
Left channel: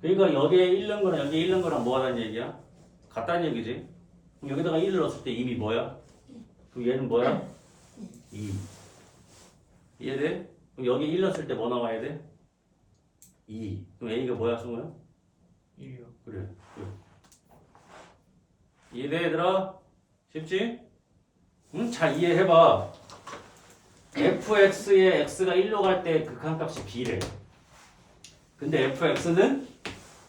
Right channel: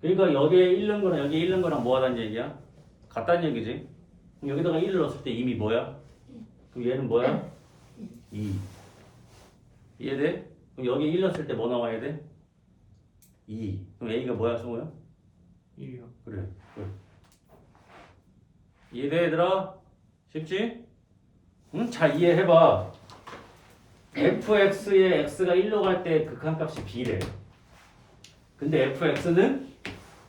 그러니까 여기에 1 넣은 거랑 여기에 1 넣은 거랑 뭐 하다는 얘기야? 같다는 얘기지. 그럼 여기다가 1을 넣었을 때 이미 뭐야? 그럼 얘는 뭐야? 2. 이해돼? 그럼 여기 1 넣었을 때 뭐 나와야 돼? 2. 그럼 A가 뭐야, 승우야? 1이요. 그래. 이해돼, 얘들아? 쉽지? 응? 잘 이해해봐. fx에 x가 1로 갈 때 극한값이 b래. 근데 fx는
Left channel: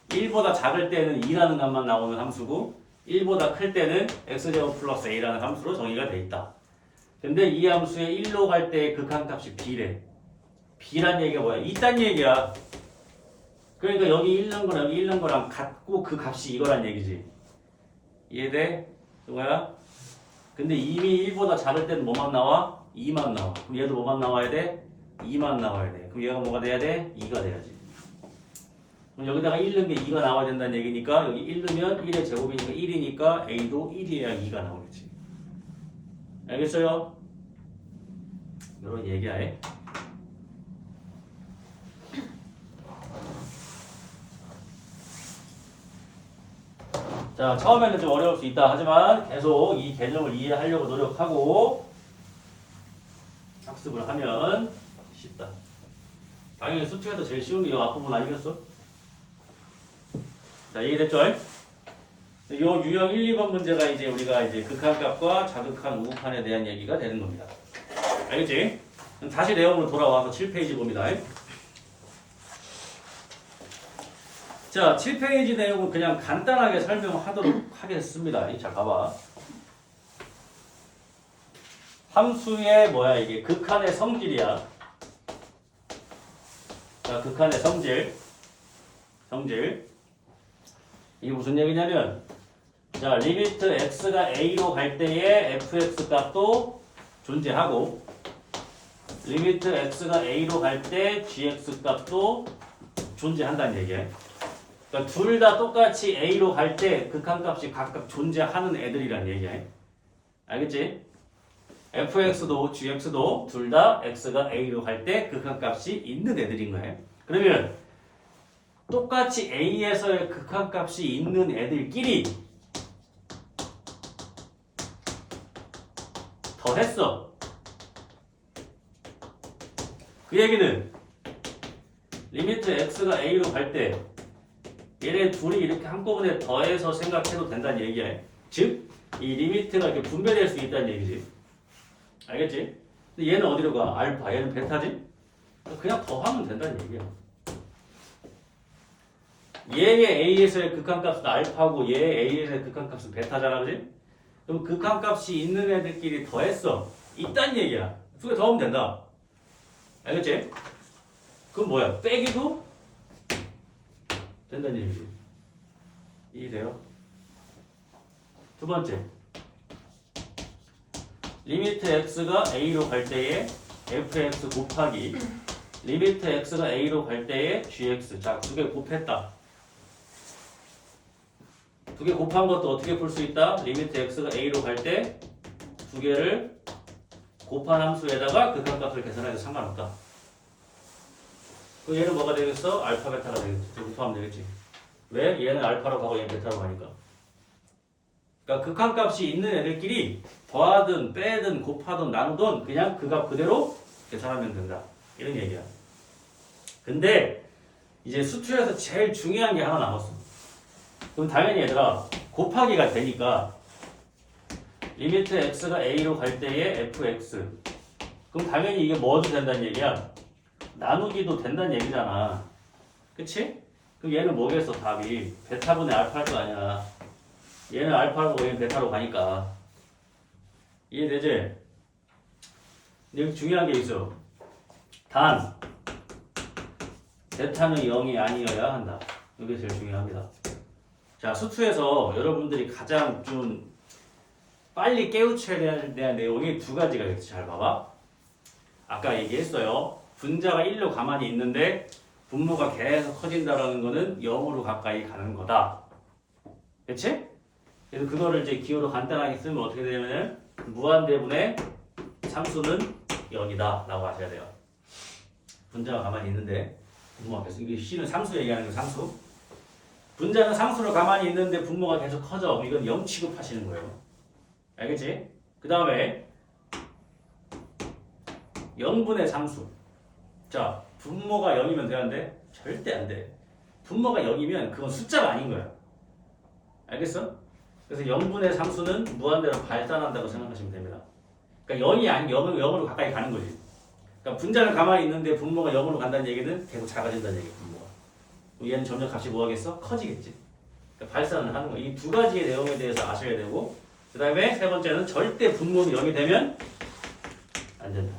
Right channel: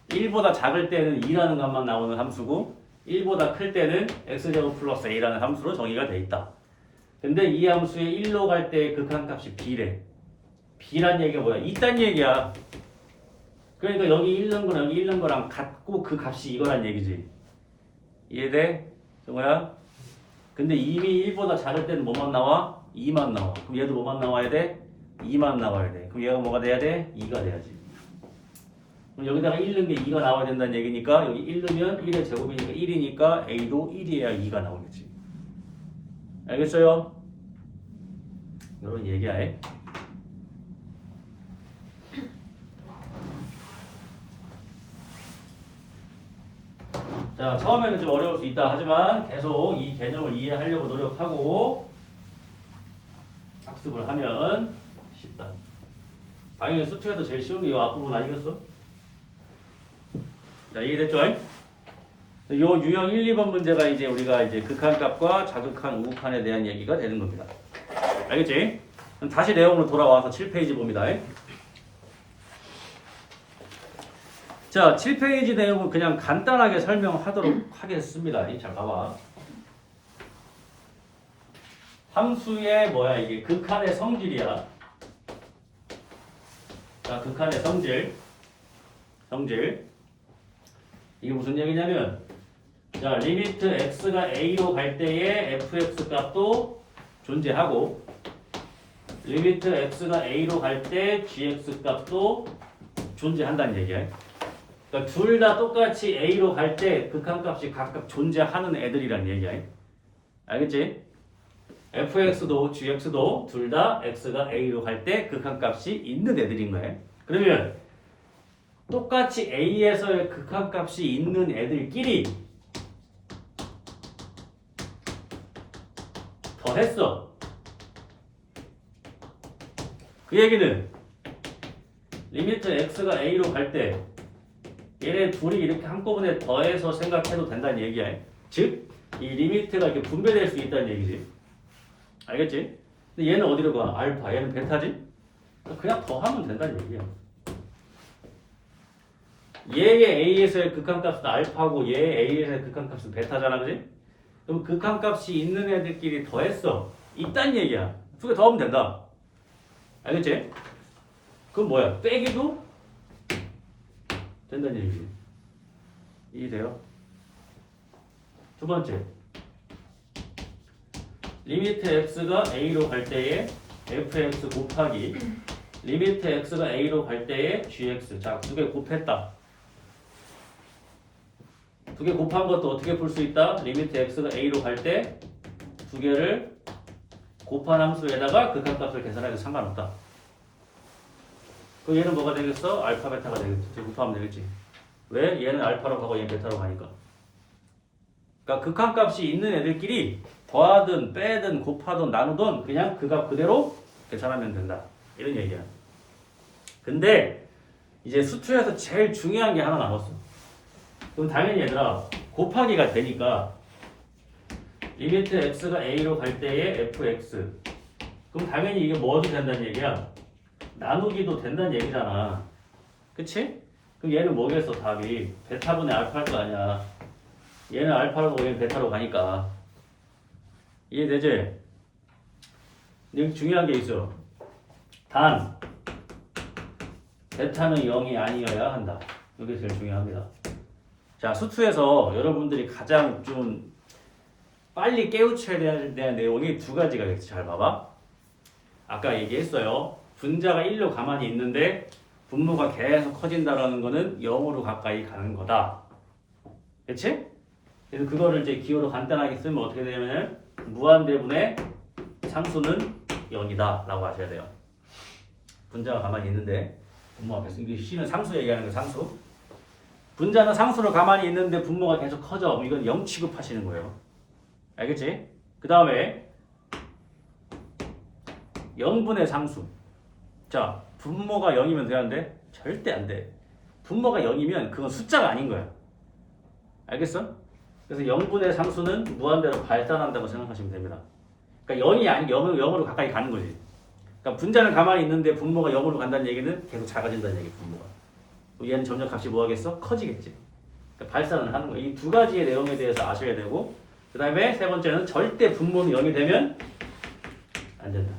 1보다 작을 때는 2라는 값만 나오는 함수고 1보다 클 때는 x제곱 플러스 a라는 함수로 정의가 돼 있다. 근데 이 함수에 1로 갈 때 극한값이 b래. b란 얘기가 뭐야? 있단 얘기야. 그러니까 여기 1 넣은 거랑 여기 1 넣은 거랑 같고 그 값이 이거란 얘기지. 이해돼? 정호야? 근데 이미 1보다 작을 때는 뭐만 나와? 2만 나와. 그럼 얘도 뭐만 나와야 돼? 2만 나와야 돼. 그럼 얘가 뭐가 돼야 돼? 2가 돼야지. 그럼 여기다가 1 넣은 게 2가 나와야 된다는 얘기니까 여기 1 넣으면 1의 제곱이니까 1이니까 A도 1이어야 2가 나오겠지. 알겠어요? 이런 얘기야. 자, 처음에는 좀 어려울 수 있다 하지만 계속 이 개념을 이해하려고 노력하고 학습을 하면 쉽다. 당연히 수트에도 제일 쉬운 게 이 앞부분 아니겠어? 자, 이해됐죠? 요 유형 1, 2번 문제가 이제 우리가 이제 극한값과 자극한 우극한에 대한 얘기가 되는 겁니다. 알겠지? 그럼 다시 내용으로 돌아와서 7페이지 봅니다. 자, 7페이지 내용은 그냥 간단하게 설명하도록 하겠습니다. 자, 봐봐. 함수의 뭐야 이게 극한의 성질이야. 자, 극한의 성질. 이게 무슨 얘기냐면 자, 리미트 x가 a로 갈 때의 fx 값도 존재하고 리미트 x가 a로 갈 때 gx 값도 존재한다는 얘기야. 그러니까 둘 다 똑같이 a로 갈 때 극한값이 각각 존재하는 애들이란 얘기야. 알겠지? fx도 gx도 둘 다 x가 a로 갈 때 극한값이 있는 애들인 거예요. 그러면 똑같이 a에서의 극한값이 있는 애들끼리 더했어. 그 얘기는 리미트 x가 a로 갈 때 얘네 둘이 이렇게 한꺼번에 더해서 생각해도 된다는 얘기야. 즉, 이 리미트가 이렇게 분배될 수 있다는 얘기지. 알겠지? 근데 얘는 어디로 가? 알파, 얘는 베타지? 그냥 더하면 된다는 얘기야. 얘의 a에서의 극한값은 알파고 얘의 a에서의 극한값은 베타잖아, 그지? 그럼 극한값이 있는 애들끼리 더했어. 있단 얘기야. 두 개 더하면 된다. 알겠지? 그럼 뭐야? 빼기도 된다는 얘기지. 이해돼요? 두 번째. 리미트 x가 a로 갈 때에 fx 곱하기 리미트 x가 a로 갈 때에 gx. 자, 두 개 곱했다. 두 개 곱한 것도 어떻게 풀 수 있다? 리미트 x가 a로 갈 때 두 개를 곱한 함수에다가 극한값을 계산해도 상관없다. 그럼 얘는 뭐가 되겠어? 알파 베타가 되겠지. 곱하면 되겠지. 왜? 얘는 알파로 가고 얘는 베타로 가니까. 그러니까 극한값이 있는 애들끼리 더하든 빼든 곱하든 나누든 그냥 그 값 그대로 계산하면 된다. 이런 얘기야. 근데 이제 수투에서 제일 중요한 게 하나 남았어. 그럼 당연히 얘들아 곱하기가 되니까 리미트 x가 a로 갈 때의 fx 그럼 당연히 이게 뭐도 된다는 얘기야? 나누기도 된다는 얘기잖아. 그치? 그럼 얘는 뭐겠어 답이? 베타분의 알파일 거 아니야. 얘는 알파로 얘는 베타로 가니까. 이해되지? 근데 여기 중요한 게 있어. 단 베타는 0이 아니어야 한다. 이게 제일 중요합니다. 자, 수투에서 여러분들이 가장 좀 빨리 깨우쳐야 되는 내용이 두 가지가 있어. 잘 봐봐. 아까 얘기했어요. 분자가 1로 가만히 있는데 분모가 계속 커진다라는 거는 0으로 가까이 가는 거다. 그치? 그래서 그거를 이제 기호로 간단하게 쓰면 어떻게 되냐면 무한대분의 상수는 0이다 라고 하셔야 돼요. 분자가 가만히 있는데 분모 앞에서 이게 C는 상수 얘기하는 거 상수. 분자는 상수로 가만히 있는데 분모가 계속 커져. 이건 0 취급하시는 거예요. 알겠지? 그 다음에 0분의 상수. 자, 분모가 0이면 되는데 절대 안 돼. 분모가 0이면 그건 숫자가 아닌 거야. 알겠어? 그래서 0분의 상수는 무한대로 발산한다고 생각하시면 됩니다. 그러니까 0이 아니고 0으로 가까이 가는 거지. 그러니까 분자는 가만히 있는데 분모가 0으로 간다는 얘기는 계속 작아진다는 얘기, 분모가. 얘는 점점 값이 뭐 하겠어? 커지겠지. 그러니까 발산을 하는 거야. 이 두 가지의 내용에 대해서 아셔야 되고, 그 다음에 세 번째는 절대 분모는 0이 되면 안 된다.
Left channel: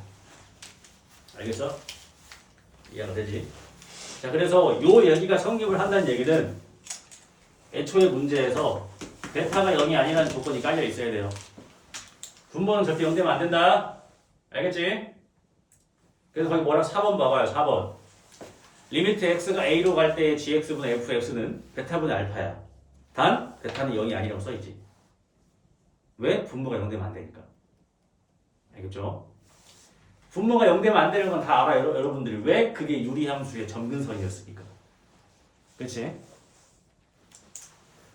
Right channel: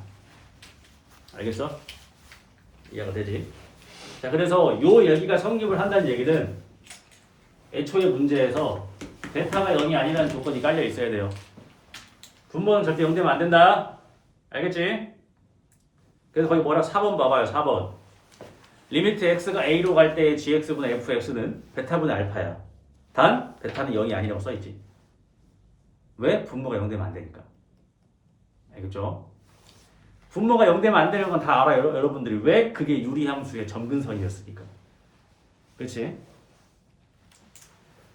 알겠어? 이해가 되지? 자, 그래서 요 여기가 성립을 한다는 얘기는 애초에 문제에서 베타가 0이 아니라는 조건이 깔려 있어야 돼요. 분모는 절대 0 되면 안 된다. 알겠지? 그래서 거기 뭐라 4번 봐봐요. 4번. 리미트 x가 a로 갈 때의 gx분의 fx는 베타분의 알파야. 단 베타는 0이 아니라고 써있지. 왜? 분모가 0 되면 안 되니까. 알겠죠? 분모가 0 되면 안 되는 건 다 알아요. 여러분들이. 왜? 그게 유리함수의 점근선이었으니까. 그렇지?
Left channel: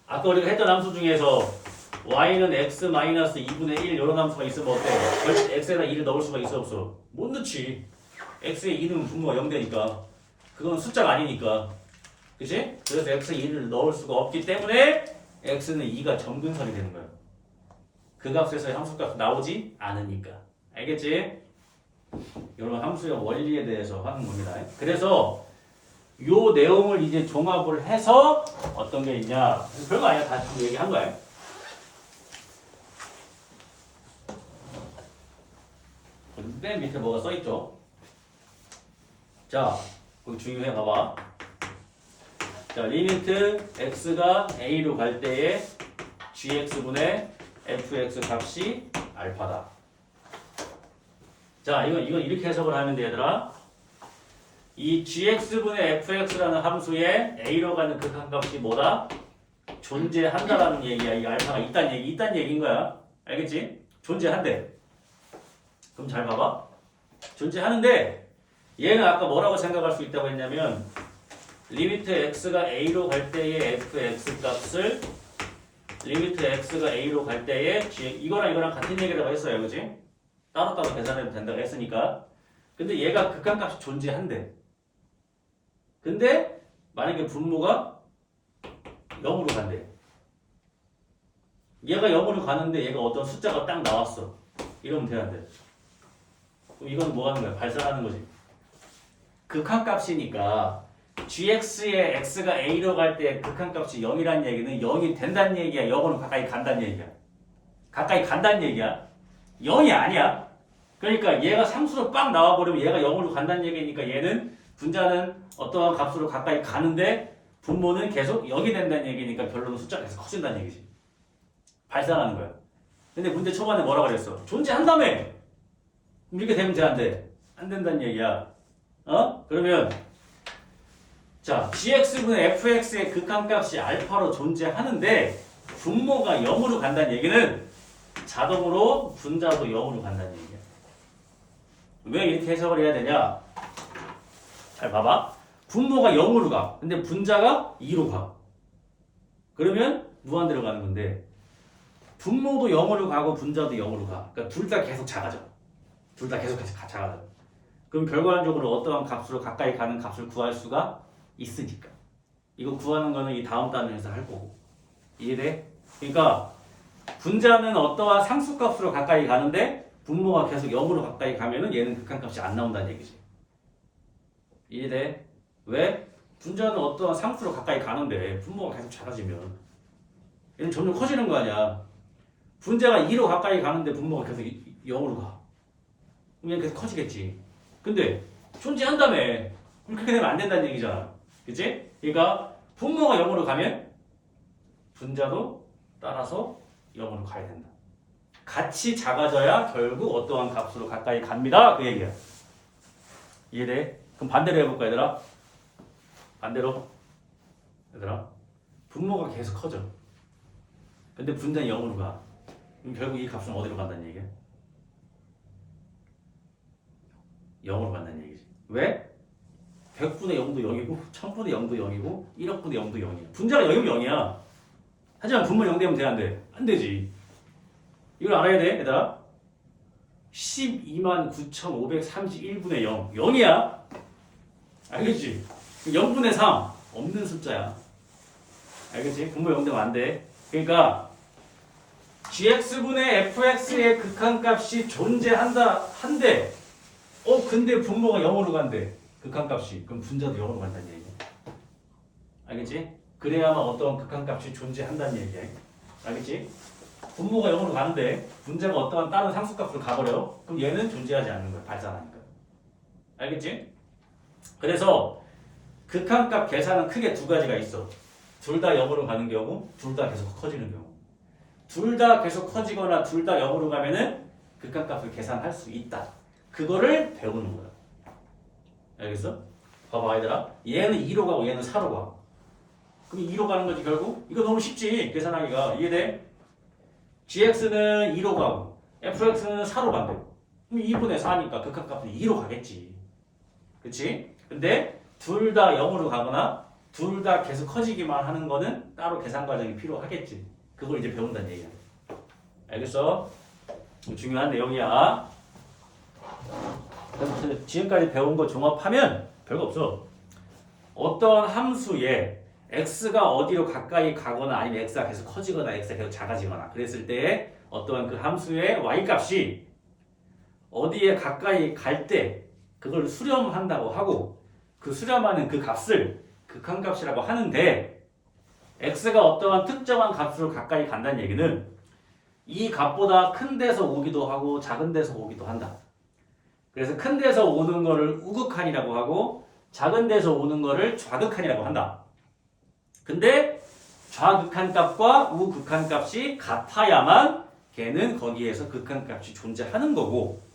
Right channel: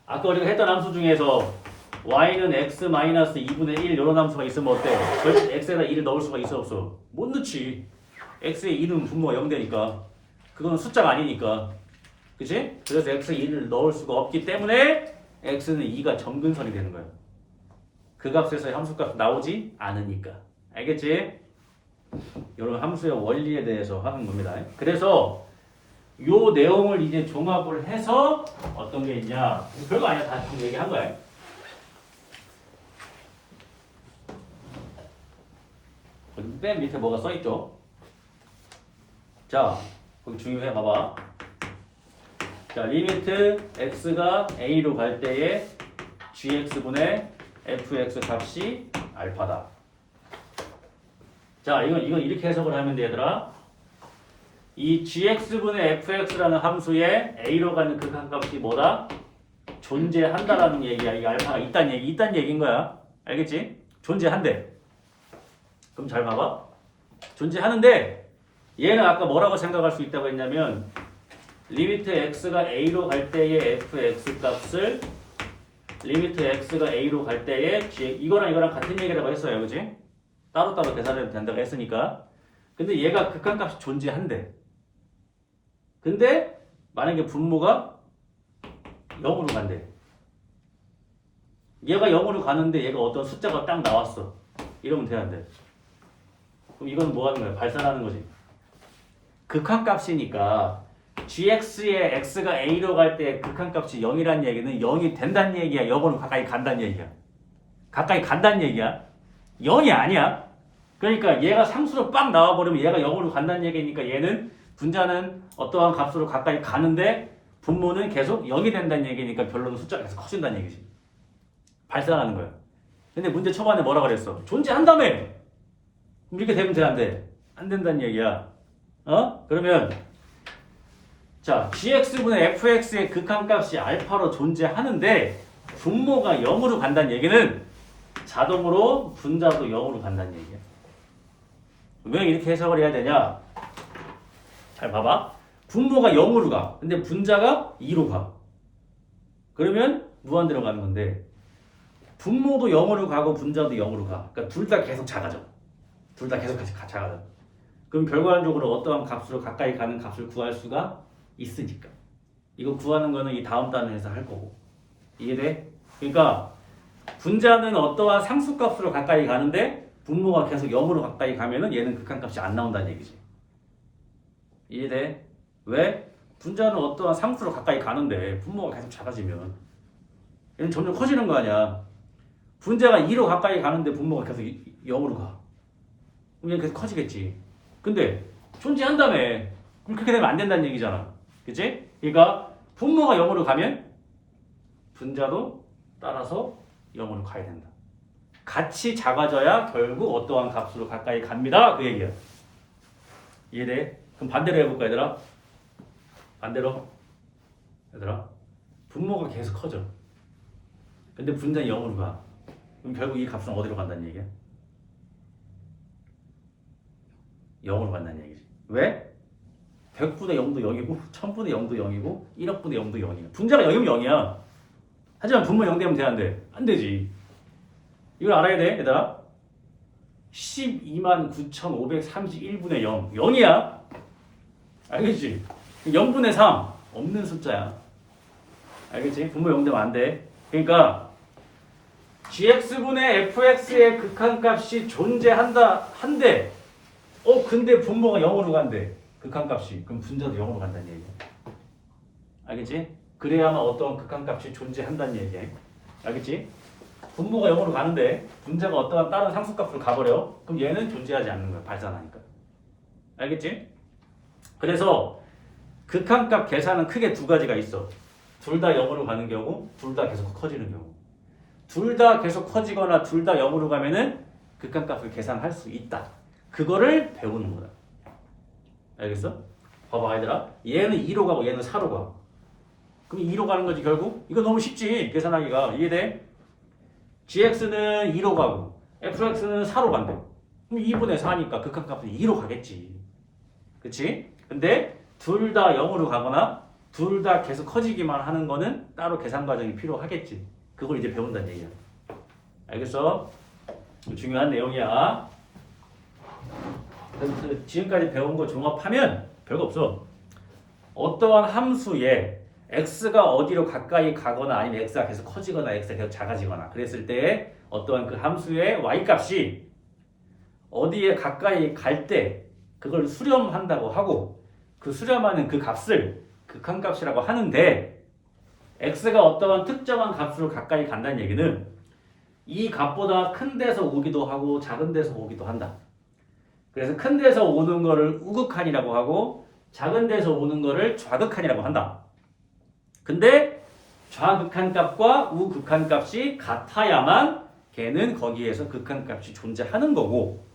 아까 우리가 했던 함수 중에서 y는 x-2분의 1 이런 함수가 있으면 어때? 절대 x에다 1을 넣을 수가 있어 없어? 못 넣지. x에 2는 분모가 0 되니까. 그거는 숫자가 아니니까. 그치? 그래서 x에 1을 넣을 수가 없기 때문에 x는 2가 점근선이 되는 거야. 그 값에서 함수값 나오지 않으니까. 알겠지? 이런 함수의 원리에 대해서 하는 겁니다. 그래서 요 내용을 이제 종합을 해서 어떤 게 있냐? 별거 아니야. 다 얘기한 거야. 맨 밑에 뭐가 써있죠? 자, 거기 중요해 봐봐. 자, 리미트 x가 a로 갈 때에 gx분의 fx 값이 알파다. 자, 이건 이렇게 해석을 하면 돼, 얘들아. 이 gx분의 fx라는 함수에 a로 가는 극한값이 뭐다? 존재한다라는 얘기야. 이 알파가 있다는 얘기인 거야. 알겠지? 존재한대. 그럼 잘 봐봐. 존재하는데 얘는 아까 뭐라고 생각할 수 있다고 했냐면 리미트 x가 a로 갈 때의 fx 값을 리미트 x가 a로 갈 때의 이거랑 같은 얘기라고 했어요. 그치? 따로따로 계산해도 된다고 했으니까. 근데 얘가 극한값이 존재한대. 근데 만약에 분모가 0으로 간대. 얘가 0으로 가는데 얘가 어떤 숫자가 딱 나왔어. 이러면 되는데. 그럼 이건 뭐 하는 거야? 발산하는 거지. 극한값이니까 gx의 x가 a로 갈 때 극한값이 0이라는 얘기는 0이 된다는 얘기야. 0으로 가까이 간다는 얘기야. 가까이 간다는 얘기야. 0이 아니야. 그러니까 얘가 상수로 빵 나와버리면 얘가 0으로 간다는 얘기니까 얘는 분자는 어떠한 값으로 가까이 가는데 분모는 계속 0이 된다는 얘기니까 결론은 숫자가 계속 커진다는 얘기지. 발산하는 거야. 근데 문제 초반에 뭐라 그랬어? 존재한다며! 이렇게 되면 돼, 안 돼? 안 된다는 얘기야. 그러면 자, gx분의 fx의 극한값이 알파로 존재하는데 분모가 0으로 간다는 얘기는 자동으로 분자도 0으로 간다는 얘기야. 왜 이렇게 해석을 해야 되냐? 잘 봐봐. 분모가 0으로 가. 근데 분자가 2로 가. 그러면 무한대로 가는 건데 분모도 0으로 가고 분자도 0으로 가. 그러니까 둘 다 계속 작아져. 둘 다 계속 작아져. 그럼 결과적으로 어떠한 값으로 가까이 가는 값을 구할 수가 있으니까. 이거 구하는 거는 이 다음 단원에서 할 거고. 이해돼? 그러니까 분자는 어떠한 상수값으로 가까이 가는데 분모가 계속 0으로 가까이 가면은 얘는 극한값이 안 나온다는 얘기지. 이해돼? 왜? 분자는 어떠한 상수로 가까이 가는데 분모가 계속 작아지면 얘는 점점 커지는 거 아니야. 분자가 2로 가까이 가는데 분모가 계속 0으로 가. 그럼 얘는 계속 커지겠지. 근데 존재한다며. 그럼 그렇게 되면 안 된다는 얘기잖아. 그치? 그러니까 분모가 0으로 가면 분자도 따라서 0으로 가야 된다. 같이 작아져야 결국 어떠한 값으로 가까이 갑니다. 그 얘기야. 이해돼? 그럼 반대로 해볼까 얘들아? 반대로 얘들아 분모가 계속 커져. 근데 분자는 0으로 가. 그럼 결국 이 값은 어디로 간다는 얘기야? 0으로 간다는 얘기지. 왜? 100분의 0도 0이고 1000분의 0도 0이고 1억분의 0도 0이야. 분자가 0이면 0이야. 하지만 분모 0 되면 돼, 안 돼? 안 되지. 이걸 알아야 돼, 얘들아. 129,531분의 0. 0이야. 알겠지? 0분의 3. 없는 숫자야. 알겠지? 분모 0 되면 안 돼. 그러니까 gx분의 fx의 극한값이 존재한다 한데 근데 분모가 0으로 간대. 극한값이. 그럼 분자도 0으로 간다는 얘기야. 알겠지? 그래야만 어떤 극한값이 존재한다는 얘기야. 알겠지? 분모가 0으로 가는데 분자가 어떠한 다른 상수값으로 가버려. 그럼 얘는 존재하지 않는 거야. 발산하니까. 알겠지? 그래서 극한값 계산은 크게 두 가지가 있어. 둘 다 0으로 가는 경우, 둘 다 계속 커지는 경우. 둘 다 계속 커지거나 둘 다 0으로 가면은 극한값을 계산할 수 있다. 그거를 배우는 거야. 알겠어? 봐봐 얘들아. 얘는 2로 가고 얘는 4로 가. 그럼 2로 가는 거지 결국? 이거 너무 쉽지 계산하기가. 이해돼? gx는 2로 가고 fx는 4로 간대. 그럼 2분의 4니까 극한값은 2로 가겠지. 그치? 근데 둘 다 0으로 가거나 둘 다 계속 커지기만 하는 거는 따로 계산 과정이 필요하겠지. 그걸 이제 배운다는 얘기야. 알겠어? 중요한 내용이야. 그럼 지금까지 배운 거 종합하면 별거 없어. 어떠한 함수에 x가 어디로 가까이 가거나 아니면 x가 계속 커지거나 x가 계속 작아지거나 그랬을 때 어떠한 그 함수의 y값이 어디에 가까이 갈 때 그걸 수렴한다고 하고 그 수렴하는 그 값을 극한값이라고 하는데 x가 어떠한 특정한 값으로 가까이 간다는 얘기는 이 값보다 큰 데서 오기도 하고 작은 데서 오기도 한다. 그래서 큰 데서 오는 거를 우극한이라고 하고 작은 데서 오는 거를 좌극한이라고 한다. 근데 좌극한 값과 우극한 값이 같아야만 걔는 거기에서 극한 값이 존재하는 거고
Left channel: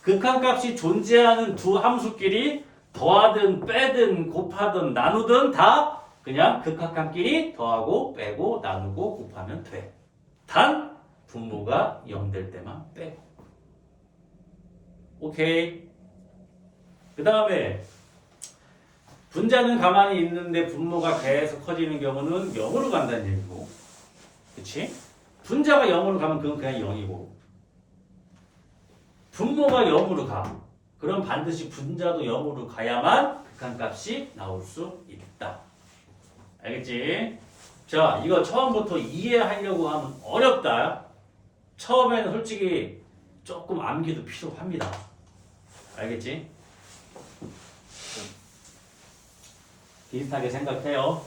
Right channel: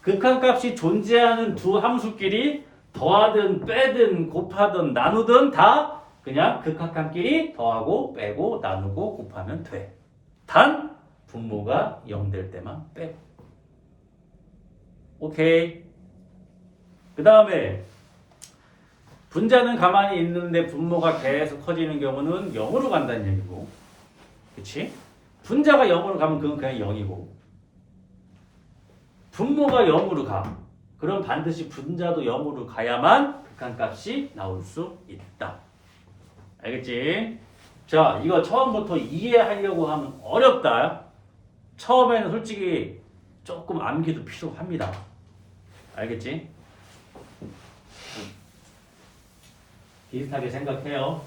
극한 값이 존재하는 두 함수끼리 더하든 빼든 곱하든 나누든 다 그냥 극한값끼리 더하고 빼고 나누고 곱하면 돼. 단 분모가 0 될 때만 빼고. 오케이. 그 다음에 분자는 가만히 있는데 분모가 계속 커지는 경우는 0으로 간다는 얘기고. 그치? 분자가 0으로 가면 그건 그냥 0이고 분모가 0으로 가. 그럼 반드시 분자도 0으로 가야만 극한값이 나올 수 있다. 알겠지? 자, 이거 처음부터 이해하려고 하면 어렵다. 처음에는 솔직히 조금 암기도 필요합니다. 알겠지? 비슷하게 생각해요.